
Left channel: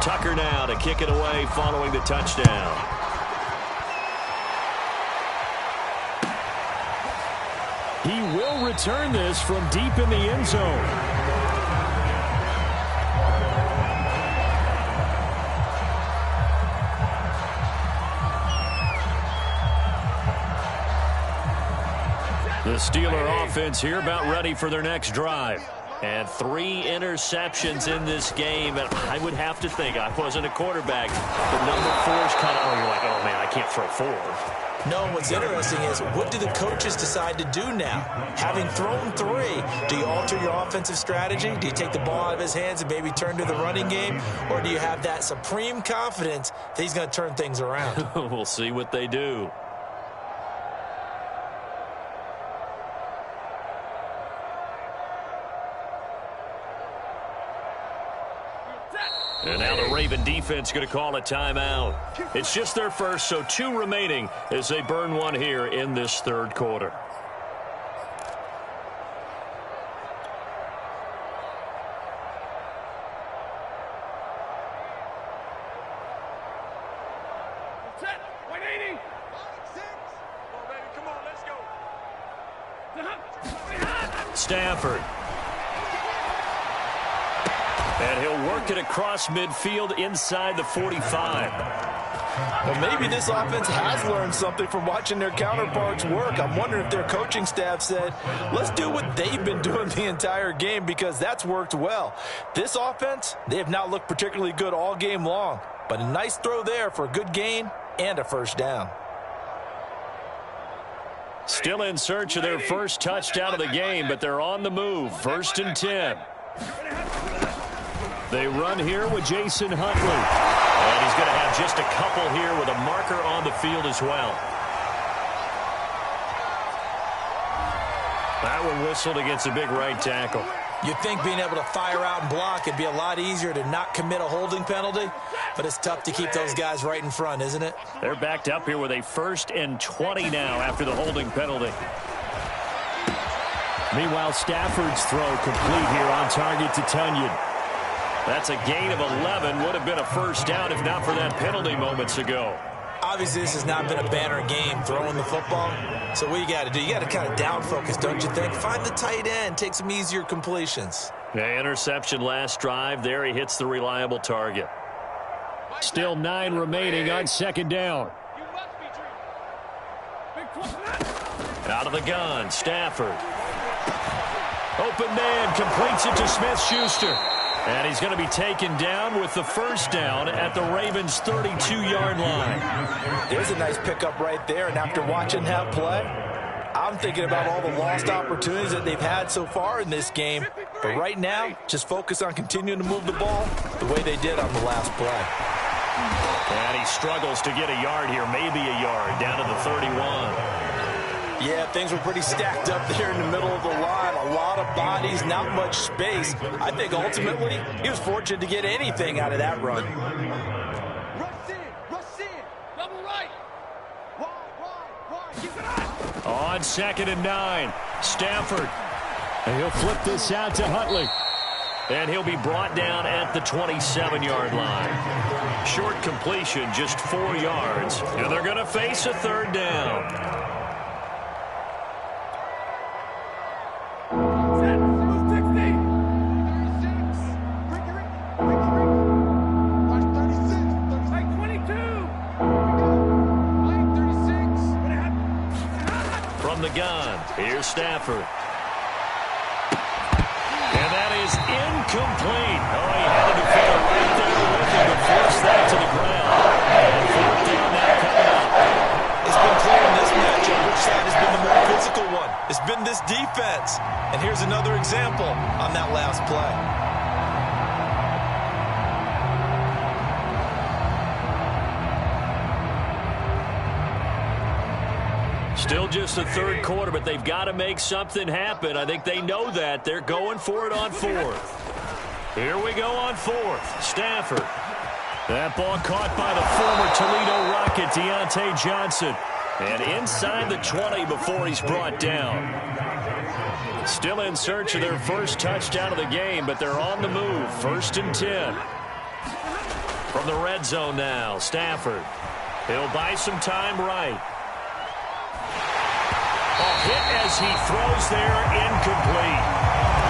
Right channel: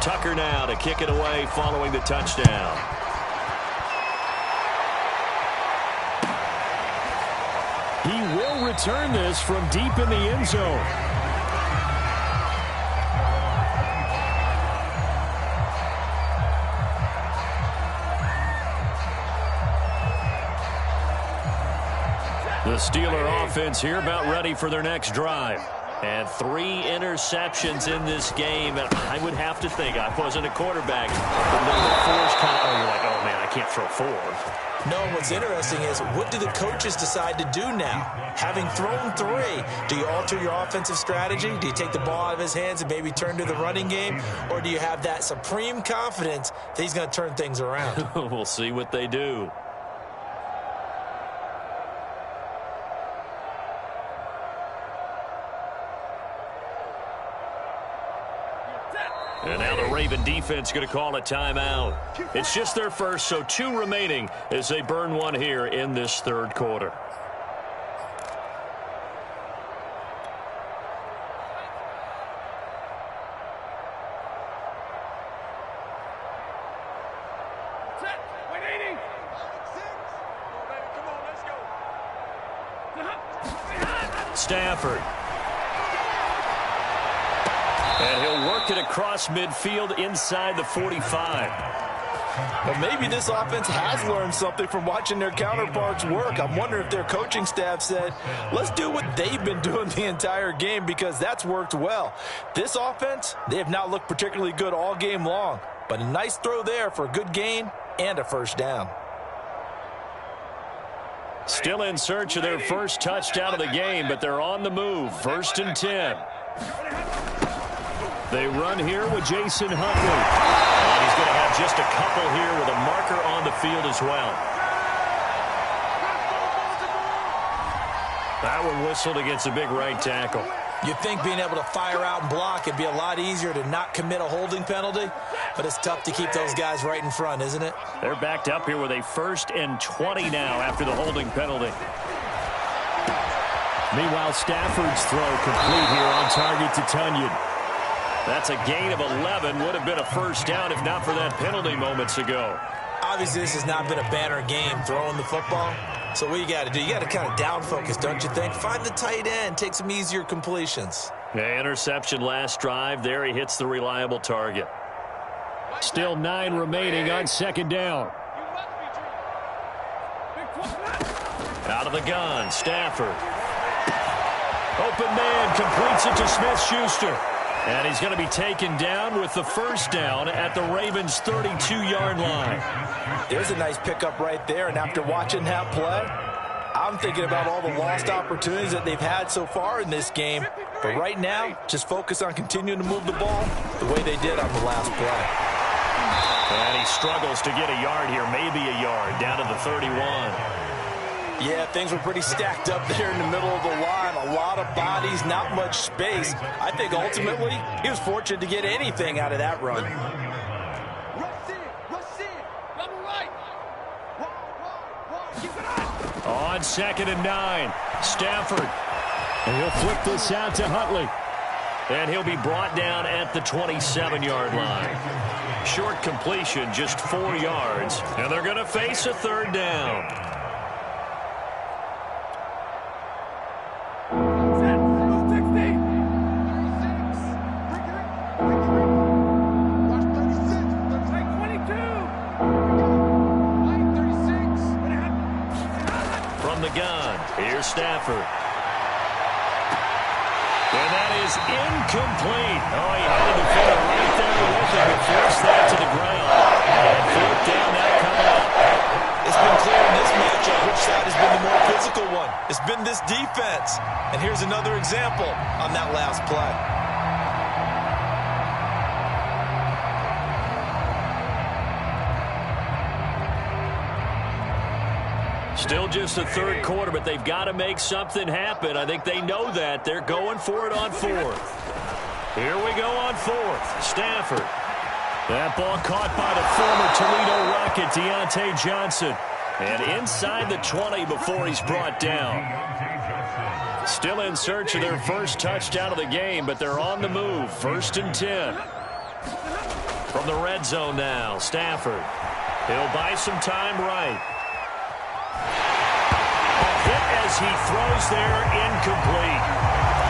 Tucker now to kick it away following the touchdown. He will return this from deep in the end zone. The Steeler offense here about ready for their next drive. And 3 interceptions in this game. And I would have to think, I wasn't a quarterback, but number 4 is kind of, oh, you're like, oh, man, I can't throw 4. No, what's interesting is, what do the coaches decide to do now? Having thrown 3, do you alter your offensive strategy? Do you take the ball out of his hands and maybe turn to the running game? Or do you have that supreme confidence that he's going to turn things around? We'll see what they do. And now the Raven defense going to call a timeout. It's just their first, so 2 remaining as they burn one here in this 3rd quarter. Stafford. And he'll work it across midfield inside the 45. Well, maybe this offense has learned something from watching their counterparts work. I'm wondering if their coaching staff said, let's do what they've been doing the entire game, because that's worked well. This offense, they have not looked particularly good all game long, but a nice throw there for a good gain and a 1st down. Still in search of their first touchdown of the game, but they're on the move. 1st and 10. They run here with Jason Huntley. And he's going to have just a couple here with a marker on the field as well. That one whistled against a big right tackle. You'd think being able to fire out and block it'd be a lot easier to not commit a holding penalty, but it's tough to keep those guys right in front, isn't it? They're backed up here with a 1st and 20 now after the holding penalty. Meanwhile, Stafford's throw complete here on target to Tunyon. That's a gain of 11. Would have been a 1st down if not for that penalty moments ago. Obviously, this has not been a banner game throwing the football. So what you got to do, you got to kind of down focus, don't you think? Find the tight end, take some easier completions. Yeah, interception last drive. There he hits the reliable target. Still 9 remaining on 2nd down. Out of the gun, Stafford. Open man, completes it to Smith-Schuster. And he's going to be taken down with the 1st down at the Ravens' 32-yard line. There's a nice pickup right there, and after watching that play, I'm thinking about all the lost opportunities that they've had so far in this game. But right now, just focus on continuing to move the ball the way they did on the last play. And he struggles to get a yard here, maybe a yard, down to the 31. Yeah, things were pretty stacked up there in the middle of the line. A lot of bodies, not much space. I think ultimately he was fortunate to get anything out of that run. Rush in, double right. on 2nd and 9. Stafford. And he'll flip this out to Huntley. And he'll be brought down at the 27-yard line. Short completion, just 4 yards. And they're going to face a 3rd down. From the gun, here's Stafford. And that is incomplete. Oh, he had a defender right there with him to force that to the ground. And 4th down now coming up. It's been clear in this matchup which side has been the more physical one. It's been this defense. And here's another example on that last play. Still just the 3rd quarter, but they've got to make something happen. I think they know that. They're going for it on 4th. Here we go on 4th. Stafford. That ball caught by the former Toledo Rocket, Deontay Johnson. And inside the 20 before he's brought down. Still in search of their first touchdown of the game, but they're on the move. 1st and 10. From the red zone now, Stafford. He'll buy some time right. Hit as he throws there, incomplete.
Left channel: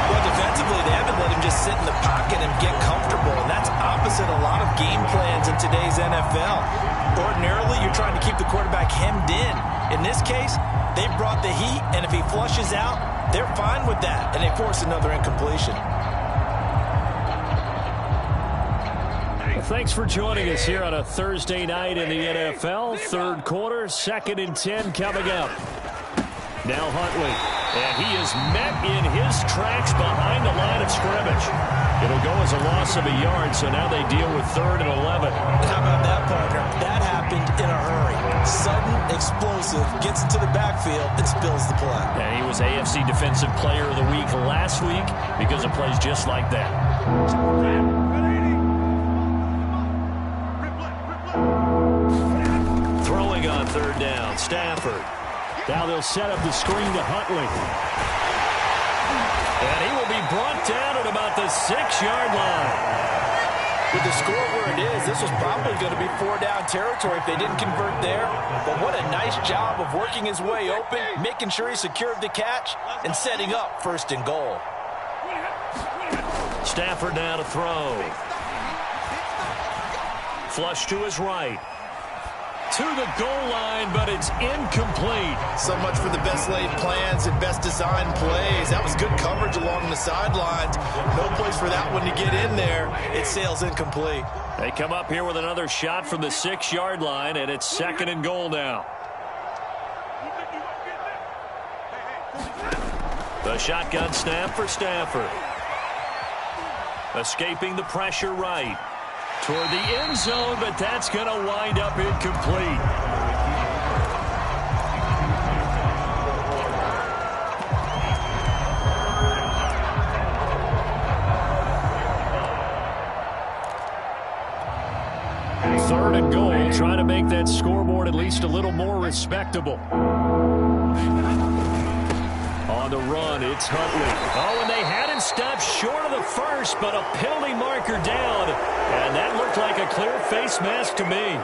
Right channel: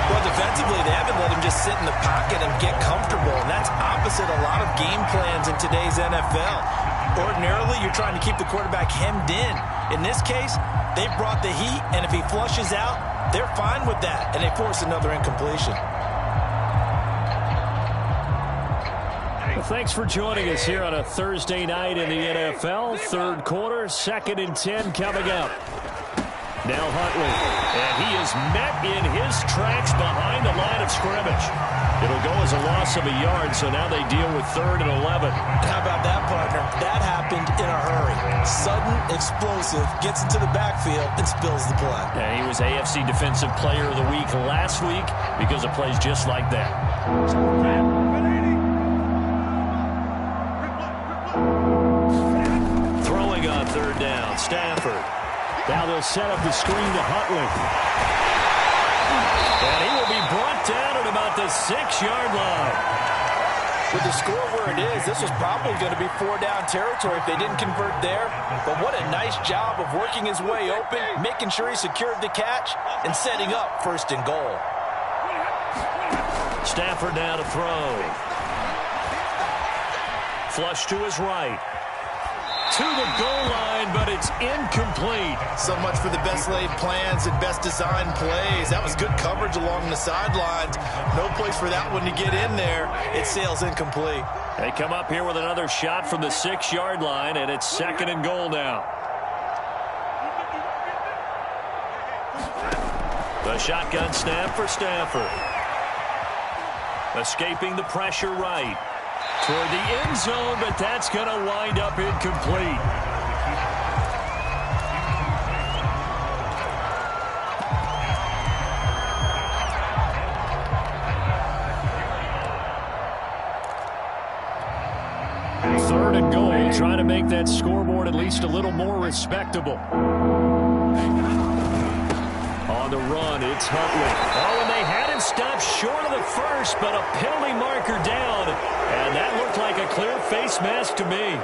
Well, defensively, they haven't let him just sit in the pocket and get comfortable, and that's opposite a lot of game plans in today's NFL. Ordinarily, you're trying to keep the quarterback hemmed in. In this case, they brought the heat, and if he flushes out, they're fine with that, and they force another incompletion. Well, thanks for joining us here on a Thursday night in the NFL. 3rd quarter, 2nd and 10 coming up. Now Huntley, and he is met in his tracks behind the line of scrimmage. It'll go as a loss of a yard, so now they deal with 3rd and 11. How about that, partner? That happened in a hurry. Sudden, explosive, gets into the backfield and spills the play. And he was AFC Defensive Player of the Week last week because of plays just like that. Throwing on 3rd down, Stafford. Now they'll set up the screen to Huntley. And he will be brought down at about the 6-yard line. With the score where it is, this was probably going to be 4-down territory if they didn't convert there. But what a nice job of working his way open, making sure he secured the catch, and setting up 1st and goal. Stafford now to throw. Flush to his right. To the goal line, but it's incomplete. So much for the best laid plans and best designed plays. That was good coverage along the sidelines. No place for that one to get in there. It sails incomplete. They come up here with another shot from the 6-yard line, and it's 2nd and goal now. The shotgun snap for Stafford. Escaping the pressure right. Toward the end zone, but that's going to wind up incomplete. Third and goal, trying to make that scoreboard at least a little more respectable. On the run, it's Huntley. Oh, and they had him stopped short of the first, but a penalty marker down. And that looked like a clear face mask to me.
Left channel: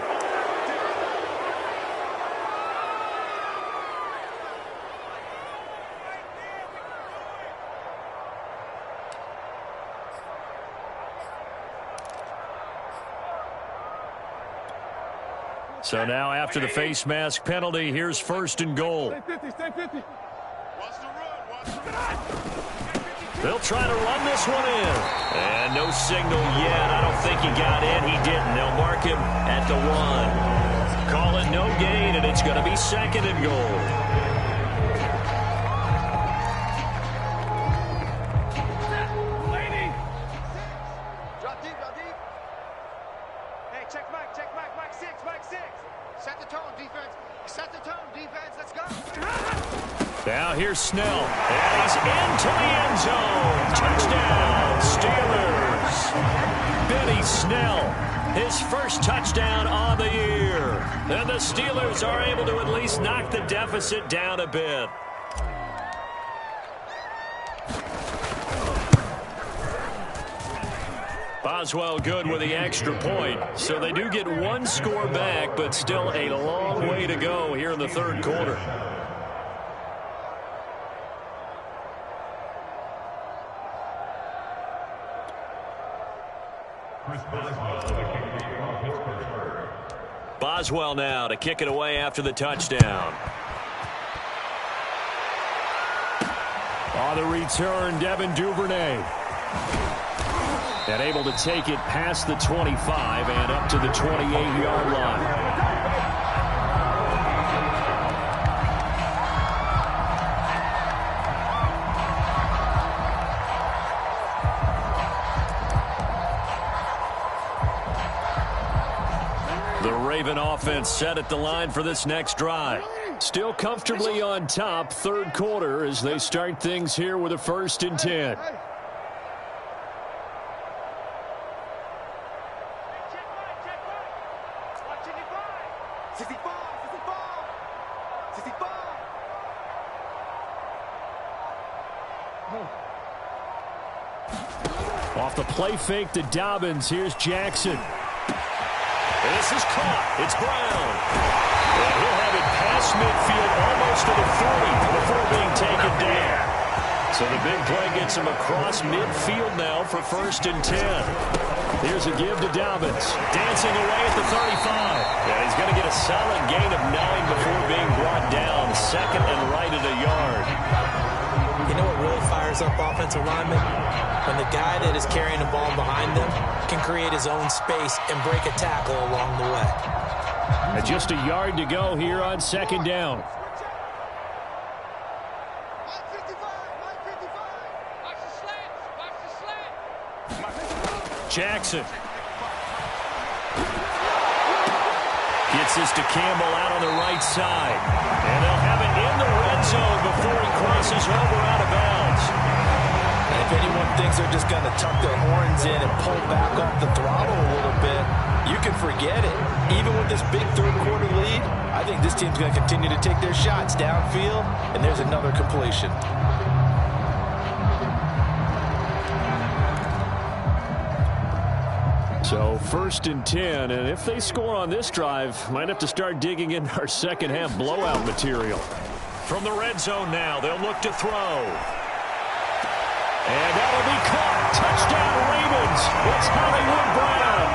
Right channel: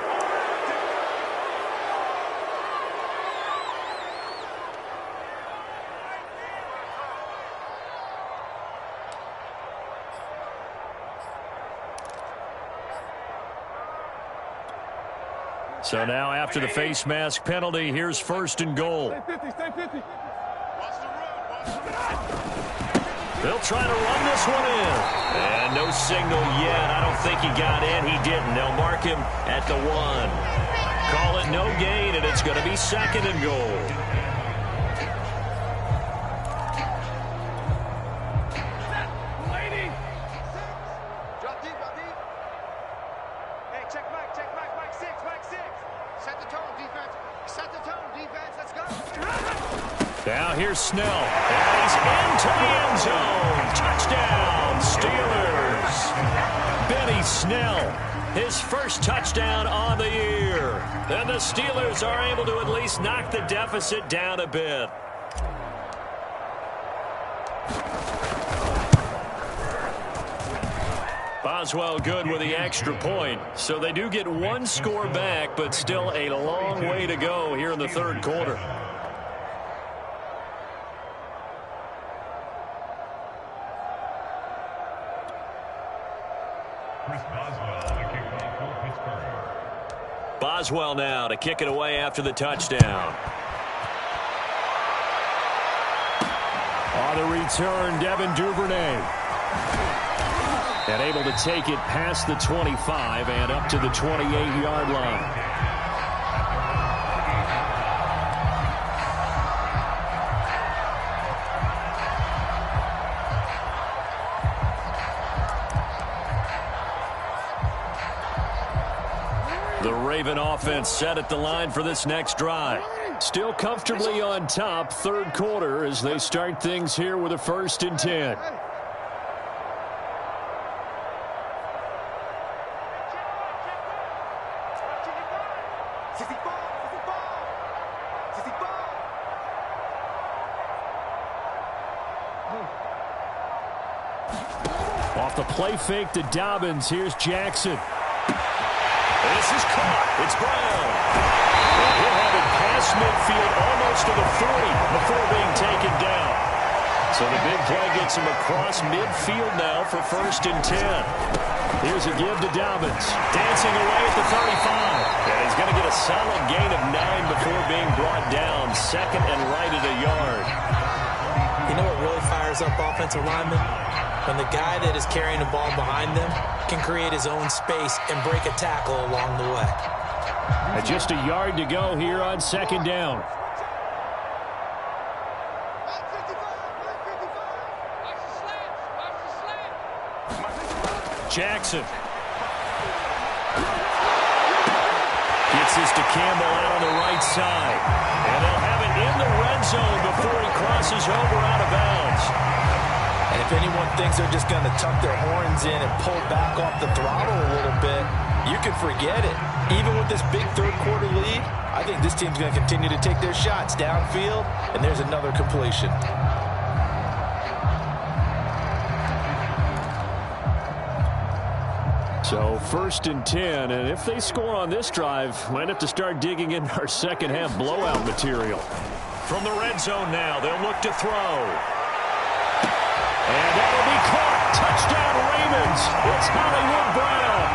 So now after the face mask penalty, here's 1st and goal. Stay 50. They'll try to run this one in. And no signal yet. I don't think he got in. He didn't. They'll mark him at the 1. Call it no gain, and it's going to be 2nd and goal. Drop deep. Hey, check Mike 6. Set the tone, defense. Let's go. Now here's Snell, and he's into the end zone. Touchdown, Steelers. Benny Snell his first touchdown on the year. And the Steelers are able to at least knock the deficit down a bit. Boswell good with the extra point. So they do get one score back, but still a long way to go here in the third quarter. Boswell now to kick it away after the touchdown. On the return, Devin Duvernay. And able to take it past the 25 and up to the 28-yard line. The Raven offense set at the line for this next drive. Still comfortably on top, third quarter, as they start things here with a 1st and 10. Off the play fake to Dobbins. Here's Jackson. And this is caught. It's Brown. And he'll have it past midfield almost to the 40 before being taken down. So the big play gets him across midfield now for 1st and 10. Here's a give to Dobbins. Dancing away at the 35. And he's going to get a solid gain of 9 before being brought down. 2nd and right at a yard. You know what really fires up offensive linemen? When the guy that is carrying the ball behind them can create his own space and break a tackle along the way. And just a yard to go here on 2nd down. Jackson. Gets this to Campbell out on the right side. And they'll have it in the red zone before he crosses over out of bounds. And if anyone thinks they're just going to tuck their horns in and pull back off the throttle a little bit, you can forget it. Even with this big third quarter lead, I think this team's going to continue to take their shots downfield, and there's another completion. So 1st and 10, and if they score on this drive, might have to start digging in our second half blowout material. From the red zone now, they'll look to throw. And that'll be caught. Touchdown Ravens. It's Hollywood Brown.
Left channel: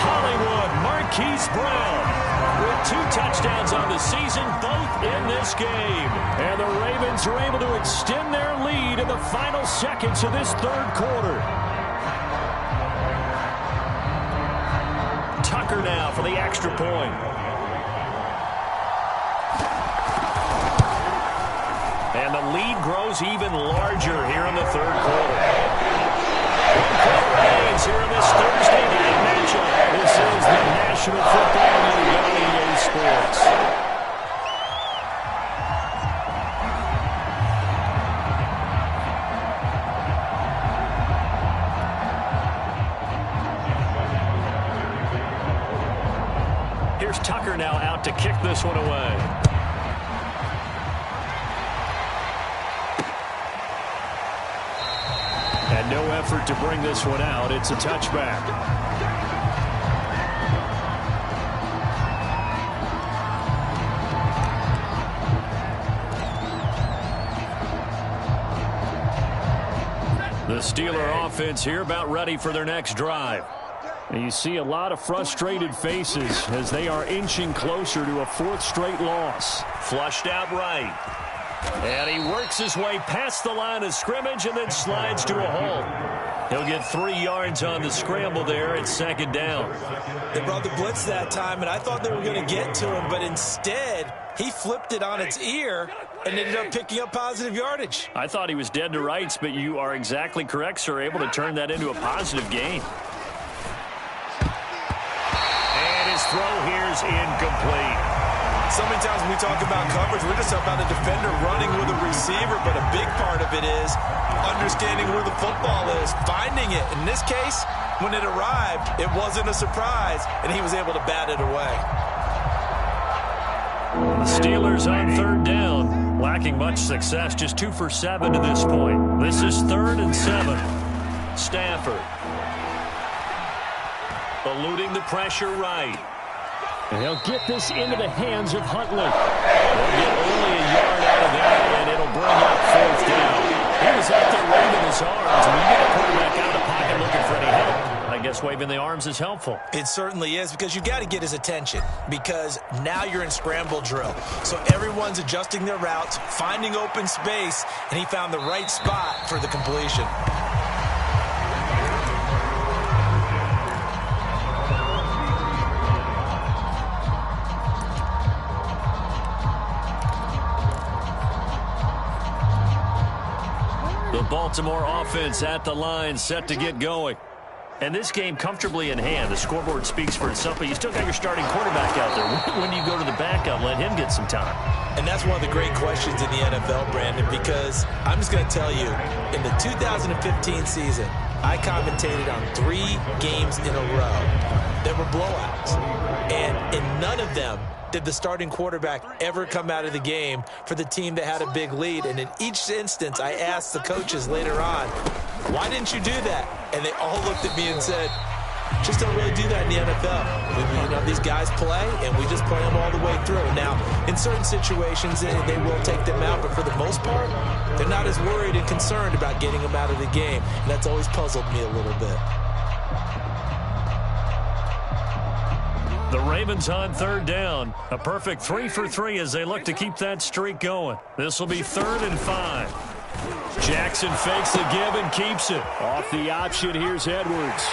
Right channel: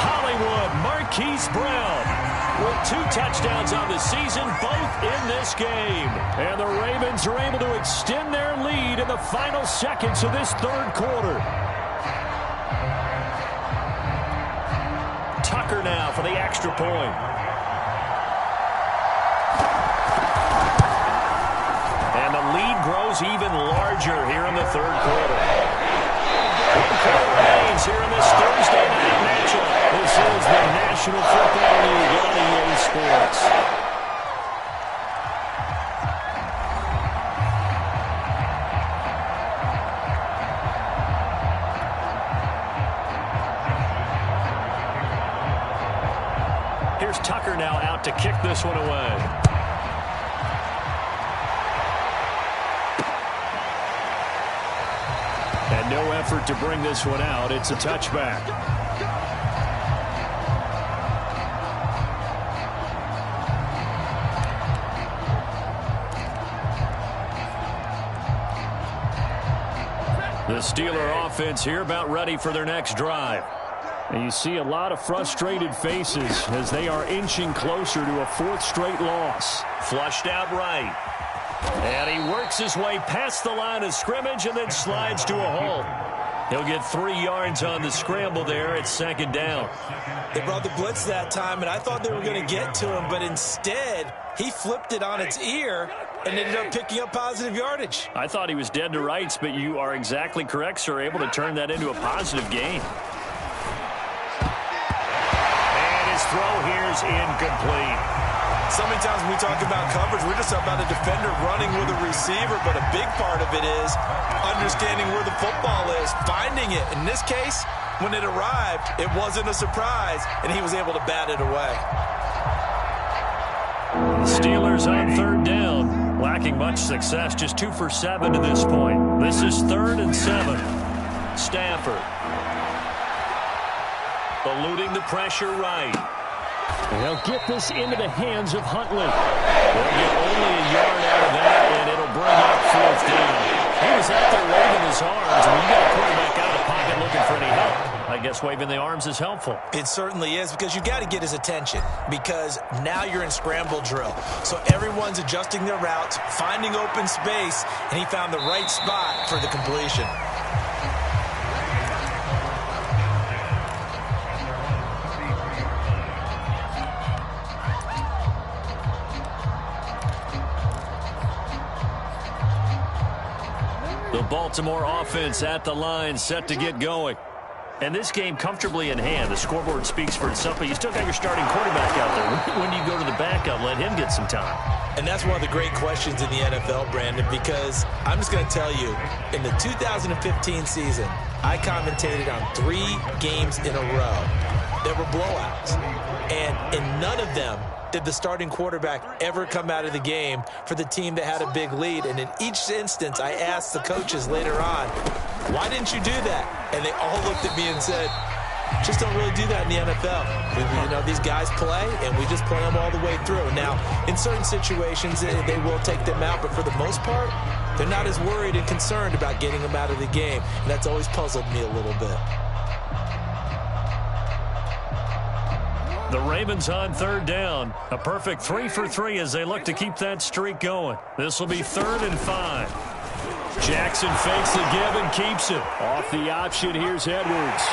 Hollywood Marquise Brown with 2 touchdowns on the season, both in this game. And the Ravens are able to extend their lead in the final seconds of this third quarter. Tucker now for the extra point. And the lead grows even larger here in the third quarter. 1 quarter remains here in this Thursday night matchup. This is the National Football League on EA Sports. Here's Tucker now out to kick this one away. And no effort to bring this one out. It's a touchback. The Steeler offense here about ready for their next drive. And you see a lot of frustrated faces as they are inching closer to a 4th straight loss. Flushed out right. And he works his way past the line of scrimmage and then slides to a halt. He'll get 3 yards on the scramble there at 2nd down. They brought the blitz that time, and I thought they were going to get to him, but instead he flipped it on its ear and ended up picking up positive yardage. I thought he was dead to rights, but you are exactly correct, sir. Able to turn that into a positive gain. And his throw here is incomplete. So many times when we talk about coverage, we're just about a defender running with a receiver, but a big part of it is understanding where the football is, finding it. In this case, when it arrived, it wasn't a surprise, and he was able to bat it away. The Steelers on third down, lacking much success, just 2 for 7 to this point. This is 3rd and 7. Stafford eluding the pressure right. And he'll get this into the hands of Huntley. They'll get only a yard out of that, and it'll bring up 4th down. He was out there waving his arms. When you get a quarterback out of the pocket looking for any help, I guess waving the arms is helpful. It certainly is, because you got to get his attention, because now you're in scramble drill. So everyone's adjusting their routes, finding open space, and he found the right spot for the completion. The Baltimore offense at the line, set to get going. And this game comfortably in hand. The scoreboard speaks for itself, but you still got your starting quarterback out there. When do you go to the backup, let him get some time? And that's one of the great questions in the NFL, Brandon, because I'm just going to tell you, in the 2015 season, I commentated on 3 games in a row that were blowouts. And in none of them did the starting quarterback ever come out of the game for the team that had a big lead. And in each instance, I asked the coaches later on, why didn't you do that? And they all looked at me and said, just don't really do that in the NFL. You know, these guys play, and we just play them all the way through. Now, in certain situations, they will take them out, but for the most part, they're not as worried and concerned about getting them out of the game. And that's always puzzled me a little bit. The Ravens on third down. A perfect 3 for 3 as they look to keep that streak going. This will be 3rd and 5. Jackson fakes the give and keeps it. Off the option, here's Edwards.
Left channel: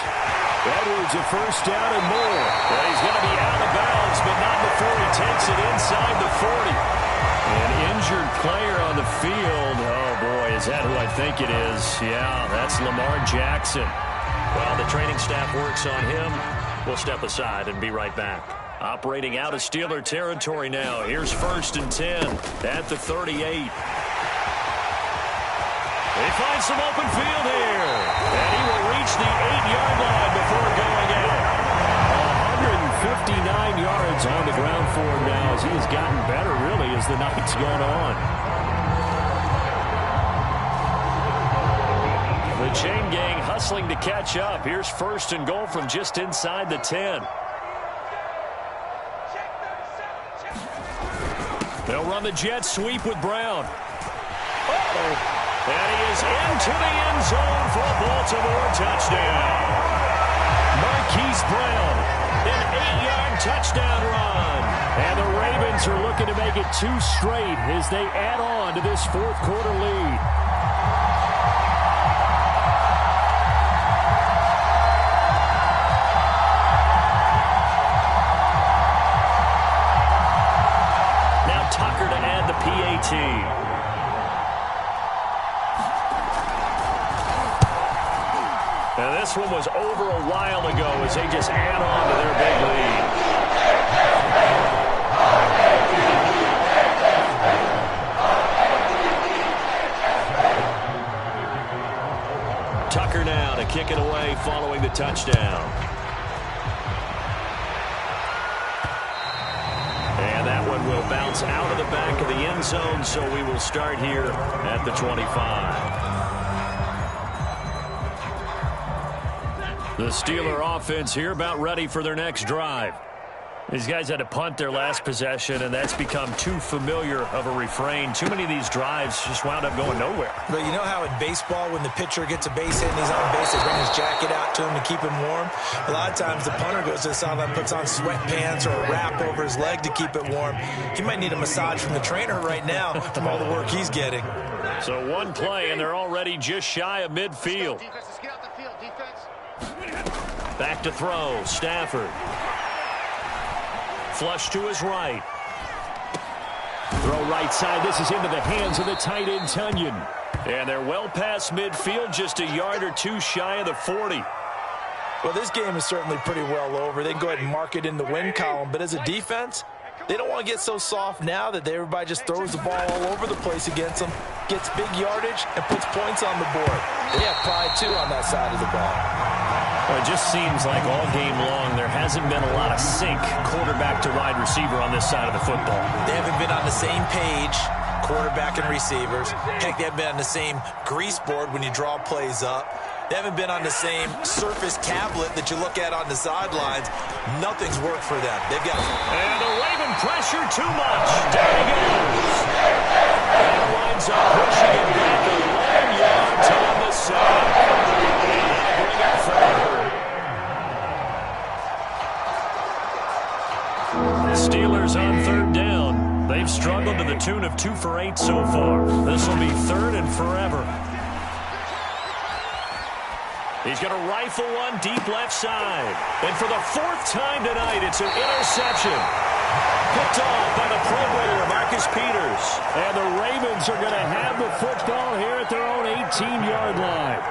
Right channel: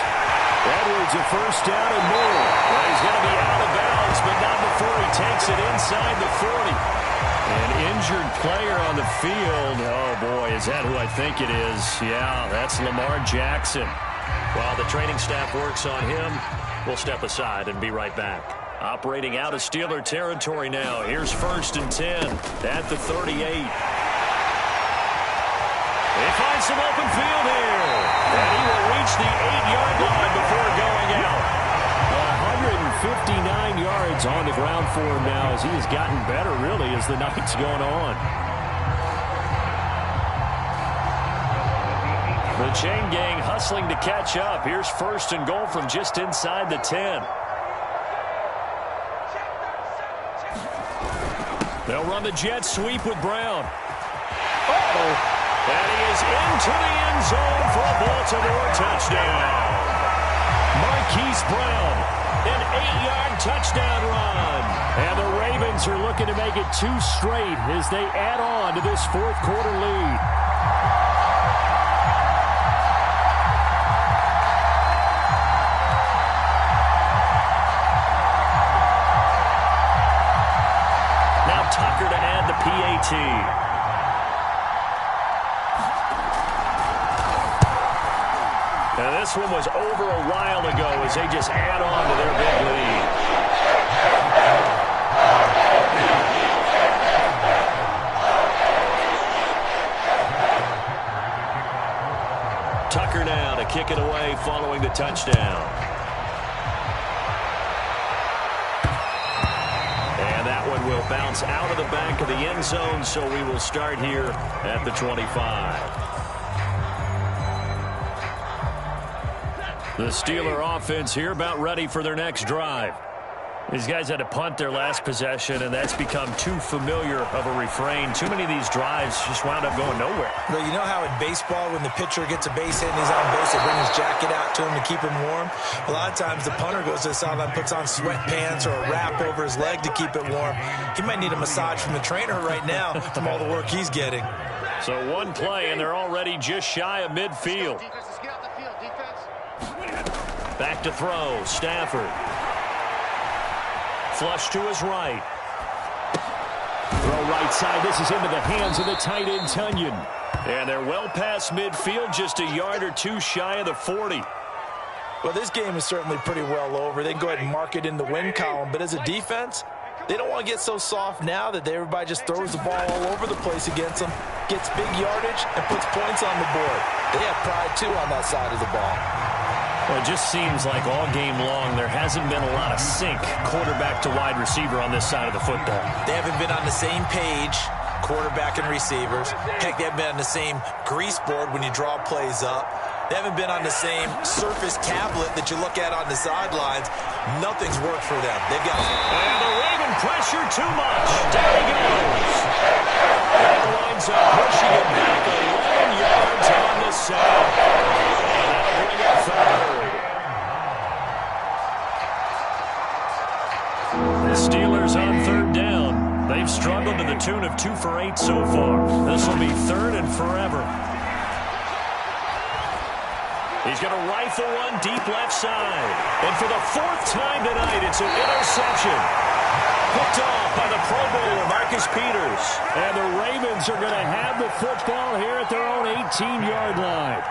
Edwards a first down and more. Well, he's going to be out of bounds, but not before he takes it inside the 40. An injured player on the field. Oh, boy, is that who I think it is? Yeah, that's Lamar Jackson. While the training staff works on him, we'll step aside and be right back. Operating out of Steeler territory now. Here's 1st and 10 at the 38. They find some open field here. And he will reach the 8-yard line before going out. 159 yards on the ground for him now as he has gotten better, really, as the night's gone on. The chain gang hustling to catch up. Here's 1st and goal from just inside the 10. They'll run the jet sweep with Brown. Uh-oh. And he is into the end zone for a Baltimore touchdown. Marquise Brown, an 8-yard touchdown run. And the Ravens are looking to make it 2 straight as they add on to this 4th quarter lead. Now Tucker to add the PAT. Now this one was over a while ago as they just add on to their big lead. Tucker now to kick it away following the touchdown. And that one will bounce out of the back of the end zone, so we will start here at the 25. The Steeler offense here about ready for their next drive. These guys had to punt their last possession, and that's become too familiar of a refrain. Too many of these drives just wound up going nowhere. But you know how in baseball, when the pitcher gets a base hit and he's on base, they bring his jacket out to him to keep him warm? A lot of times the punter goes to the sideline, puts on sweatpants or a wrap over his leg to keep it warm. He might need a massage from the trainer right now from all the work he's getting. So one play, and they're already just shy of midfield. Back to throw, Stafford. Flush to his right. Throw right side. This is into the hands of the tight end, Tunyon. And they're well past midfield, just a yard or 2 shy of the 40. Well, this game is certainly pretty well over. They can go ahead and mark it in the win column. But as a defense, They don't want to get so soft now that everybody just throws the ball all over the place against them, gets big yardage, and puts points on the board. They have pride, too, on that side of the ball. Well, it just seems like all game long there hasn't been a lot of sync quarterback to wide receiver on this side of the football. They haven't been on the same page, quarterback and receivers. Heck, they haven't been on the same grease board when you draw plays up. They haven't been on the same Surface tablet that you look at on the sidelines. Nothing's worked for them. They've got And the Raven pressure too much. Down he goes. That winds up pushing it back 11 yards on the sack. And that'll bring up third. The Steelers on third down. They've struggled to the tune of 2 for 8 so far. This will be third and forever. He's going to rifle one deep left side. And for the 4th time tonight, it's an interception. Picked off by the Pro Bowler, Marcus Peters. And the Ravens are going to have the football here at their own 18-yard line.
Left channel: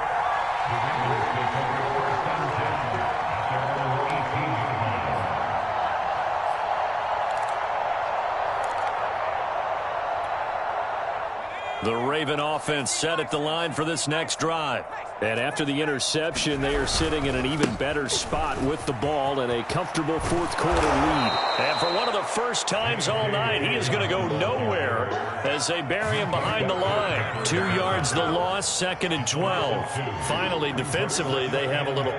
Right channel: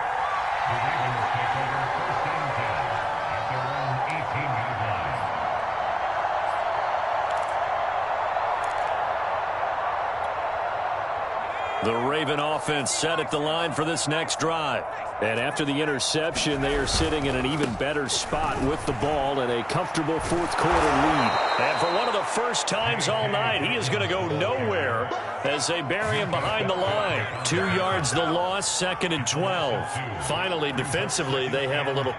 The Raven offense set at the line for this next drive. And after the interception, they are sitting in an even better spot with the ball and a comfortable fourth-quarter lead. And for one of the first times all night, he is going to go nowhere as they bury him behind the line. 2 yards the loss, 2nd and 12. Finally, defensively, they have a little...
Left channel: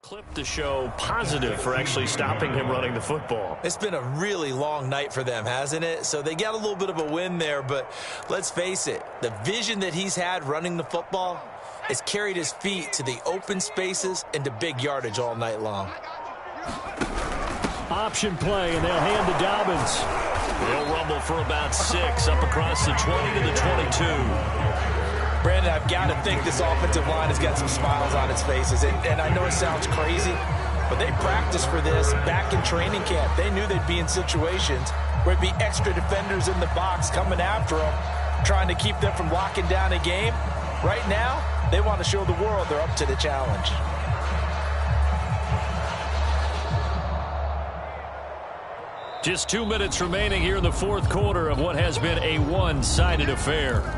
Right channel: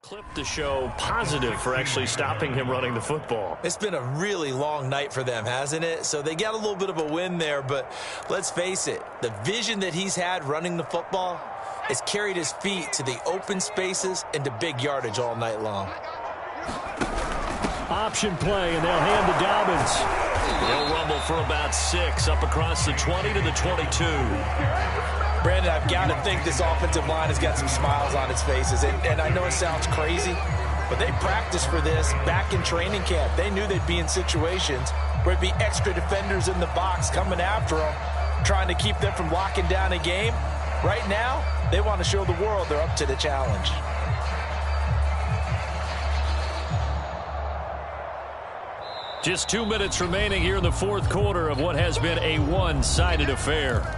clip to show positive for actually stopping him running the football. It's been a really long night for them, hasn't it? So they got a little bit of a win there, but let's face it, the vision that he's had running the football has carried his feet to the open spaces and to big yardage all night long. Option play, and they'll hand to Dobbins. They'll rumble for about 6 up across the 20 to the 22. Brandon, I've got to think this offensive line has got some smiles on its faces. And I know it sounds crazy, but they practiced for this back in training camp. They knew they'd be in situations where it'd be extra defenders in the box coming after them, trying to keep them from locking down a game. Right now, they want to show the world they're up to the challenge. Just 2 minutes remaining here in the fourth quarter of what has been a one-sided affair.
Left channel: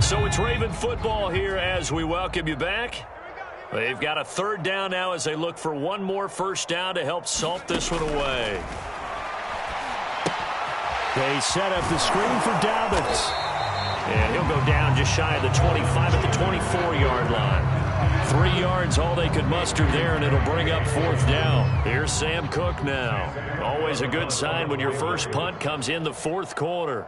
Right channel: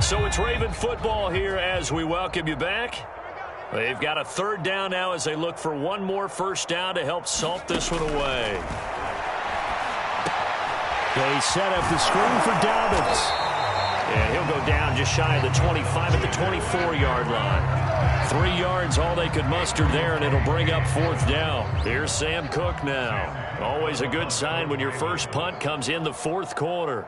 So it's Raven football here as we welcome you back. They've got a third down now as they look for one more first down to help salt this one away. They set up the screen for Dobbins. And he'll go down just shy of the 25 at the 24-yard line. 3 yards, all they could muster there, and it'll bring up fourth down. Here's Sam Cook now. Always a good sign when your first punt comes in the fourth quarter.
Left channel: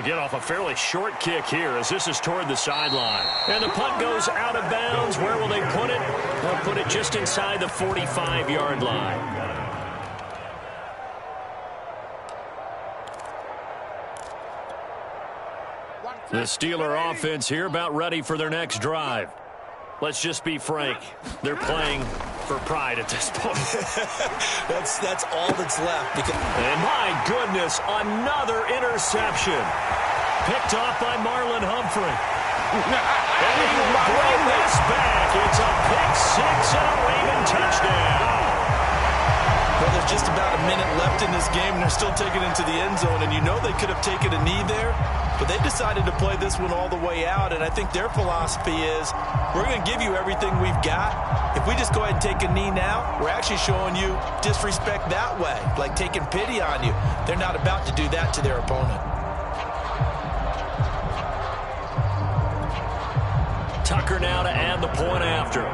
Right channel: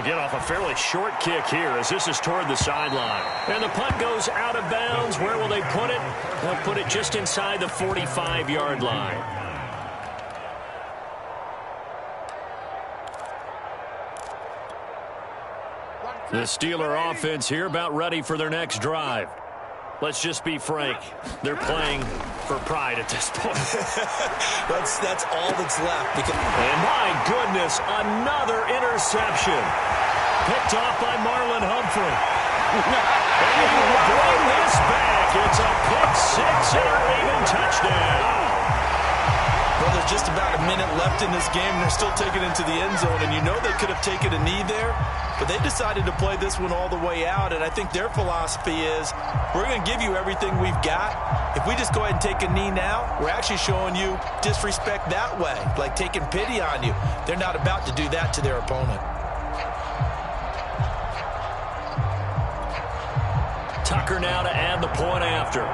They'll get off a fairly short kick here as this is toward the sideline. And the punt goes out of bounds. Where will they put it? They'll put it just inside the 45-yard line. The Steeler offense here about ready for their next drive. Let's just be frank. They're playing for pride at this point. That's all that's left. And my goodness, another interception. Picked off by Marlon Humphrey. And he will bring this back. It's a pick six and a Raven touchdown. Well, there's just about a minute left in this game, and they're still taking it into the end zone. And you know they could have taken a knee there, but they decided to play this one all the way out. And I think their philosophy is, we're going to give you everything we've got. If we just go ahead and take a knee now, we're actually showing you disrespect that way, like taking pity on you. They're not about to do that to their opponent. Tucker now to add the point after.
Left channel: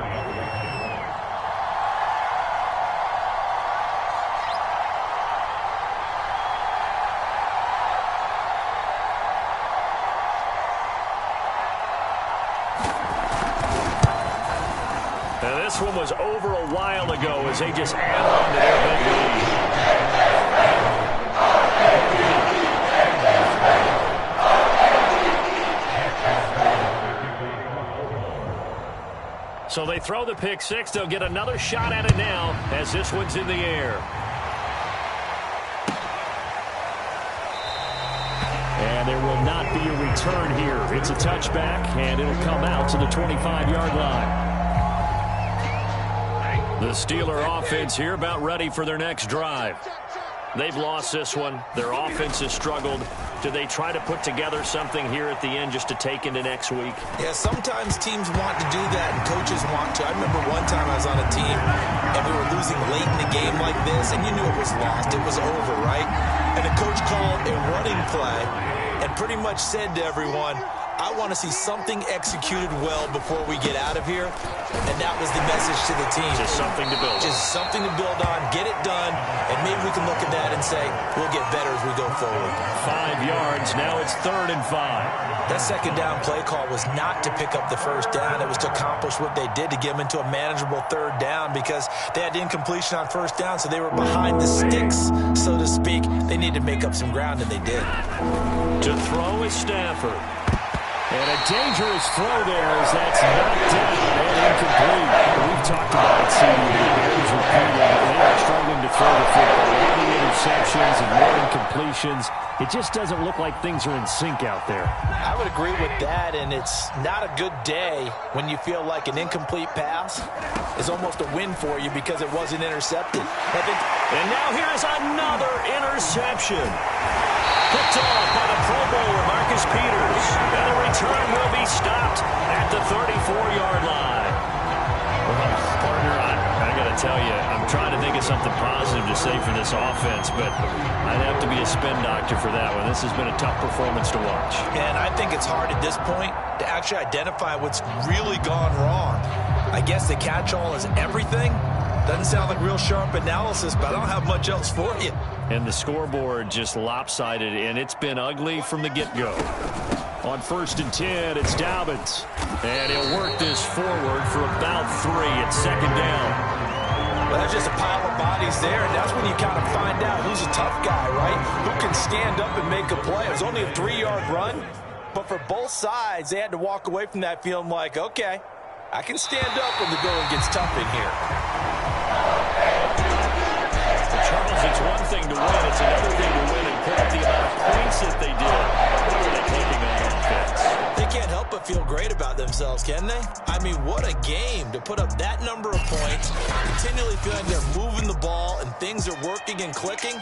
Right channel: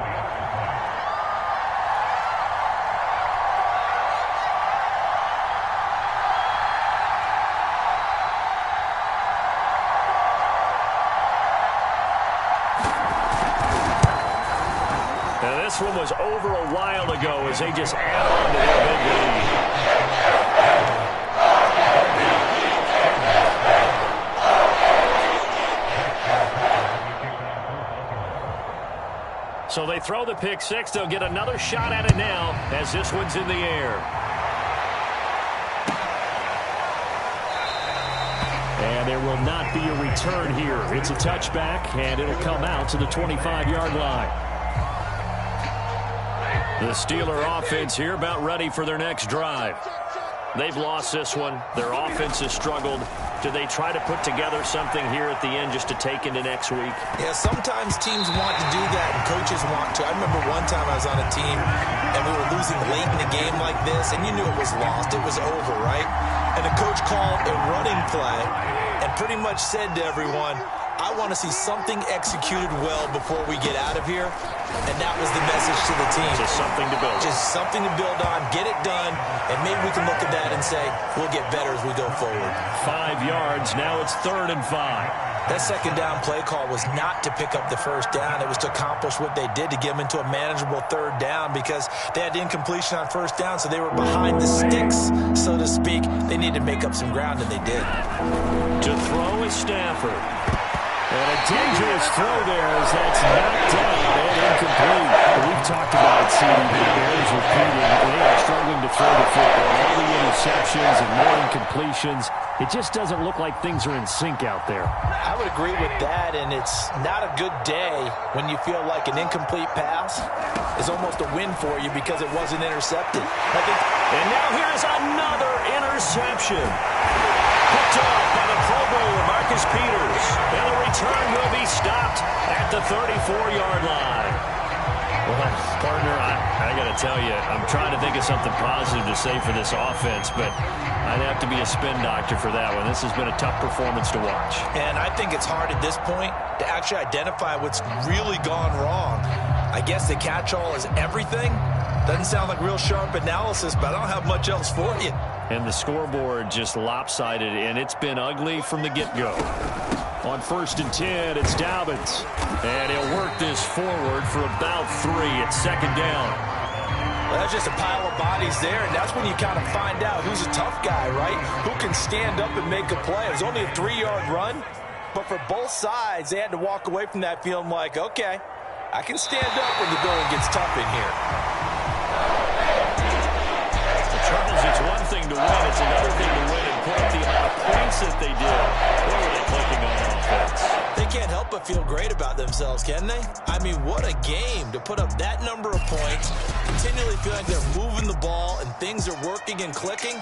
And this one was over a while ago as they just add on to their big lead. So they throw the pick six. They'll get another shot at it now as this one's in the air. And there will not be a return here. It's a touchback, and it'll come out to the 25-yard line. The Steeler offense here about ready for their next drive. They've lost this one. Their offense has struggled. Do they try to put together something here at the end just to take into next week? Yeah, sometimes teams want to do that and coaches want to. I remember one time I was on a team and we were losing late in the game like this, and you knew it was lost. It was over, right? And the coach called a running play and pretty much said to everyone, I want to see something executed well before we get out of here. And that was the message to the team. Just something to build on. Just something to build on, get it done, and maybe we can look at that and say, we'll get better as we go forward. 5 yards, now it's 3rd and 5. That second down play call was not to pick up the first down. It was to accomplish what they did, to get them into a manageable 3rd down, because they had incompletion on first down, so they were behind the sticks, so to speak. They needed to make up some ground, and they did. To throw is Stafford. And a dangerous throw there as that's knocked down and incomplete. We've talked about it, CD, the Bears repeating. They are struggling to throw the football. All the interceptions and more incompletions. It just doesn't look like things are in sync out there. I would agree with that, and it's not a good day when you feel like an incomplete pass is almost a win for you because it wasn't intercepted. And now here is another interception. Picked off by the Pro Bowler, Marcus Peters. And the return will be stopped at the 34-yard line. Well, partner, I got to tell you, I'm trying to think of something positive to say for this offense, but I'd have to be a spin doctor for that one. This has been a tough performance to watch. And I think it's hard at this point to actually identify what's really gone wrong. I guess the catch-all is everything. Doesn't sound like real sharp analysis, but I don't have much else for you. And the scoreboard just lopsided, and it's been ugly from the get-go. On 1st and 10, it's Dobbins. And he'll work this forward for about 3 at 2nd down. Well, that's just a pile of bodies there, and that's when you kind of find out who's a tough guy, right? Who can stand up and make a play. It was only a 3-yard run, but for both sides, they had to walk away from that feeling like, okay, I can stand up when the going gets tough in here. Charles, it's one thing to win. It's another thing to win and put up the amount of points that they did. Boy, were they clicking on offense. They can't help but feel great about themselves, can they? I mean, what a game to put up that number of points, continually feeling they're moving the ball and things are working and clicking.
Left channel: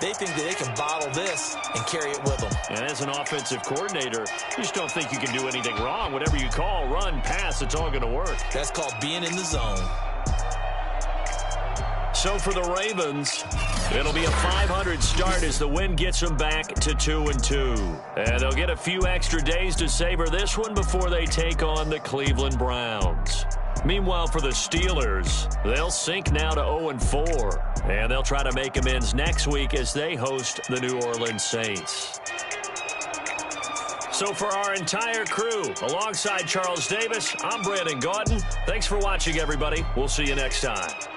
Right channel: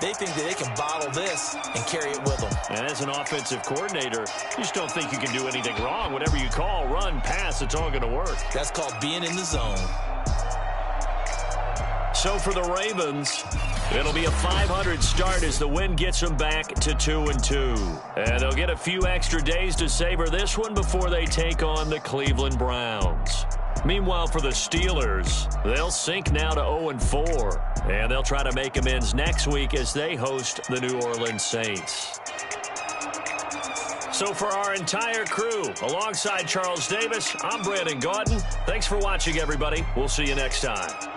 They think that they can bottle this and carry it with them. And as an offensive coordinator, you just don't think you can do anything wrong. Whatever you call, run, pass, it's all going to work. That's called being in the zone. So for the Ravens, it'll be a .500 start as the win gets them back to 2-2. And they'll get a few extra days to savor this one before they take on the Cleveland Browns. Meanwhile, for the Steelers, they'll sink now to 0-4. And they'll try to make amends next week as they host the New Orleans Saints. So for our entire crew, alongside Charles Davis, I'm Brandon Gaudin. Thanks for watching, everybody. We'll see you next time.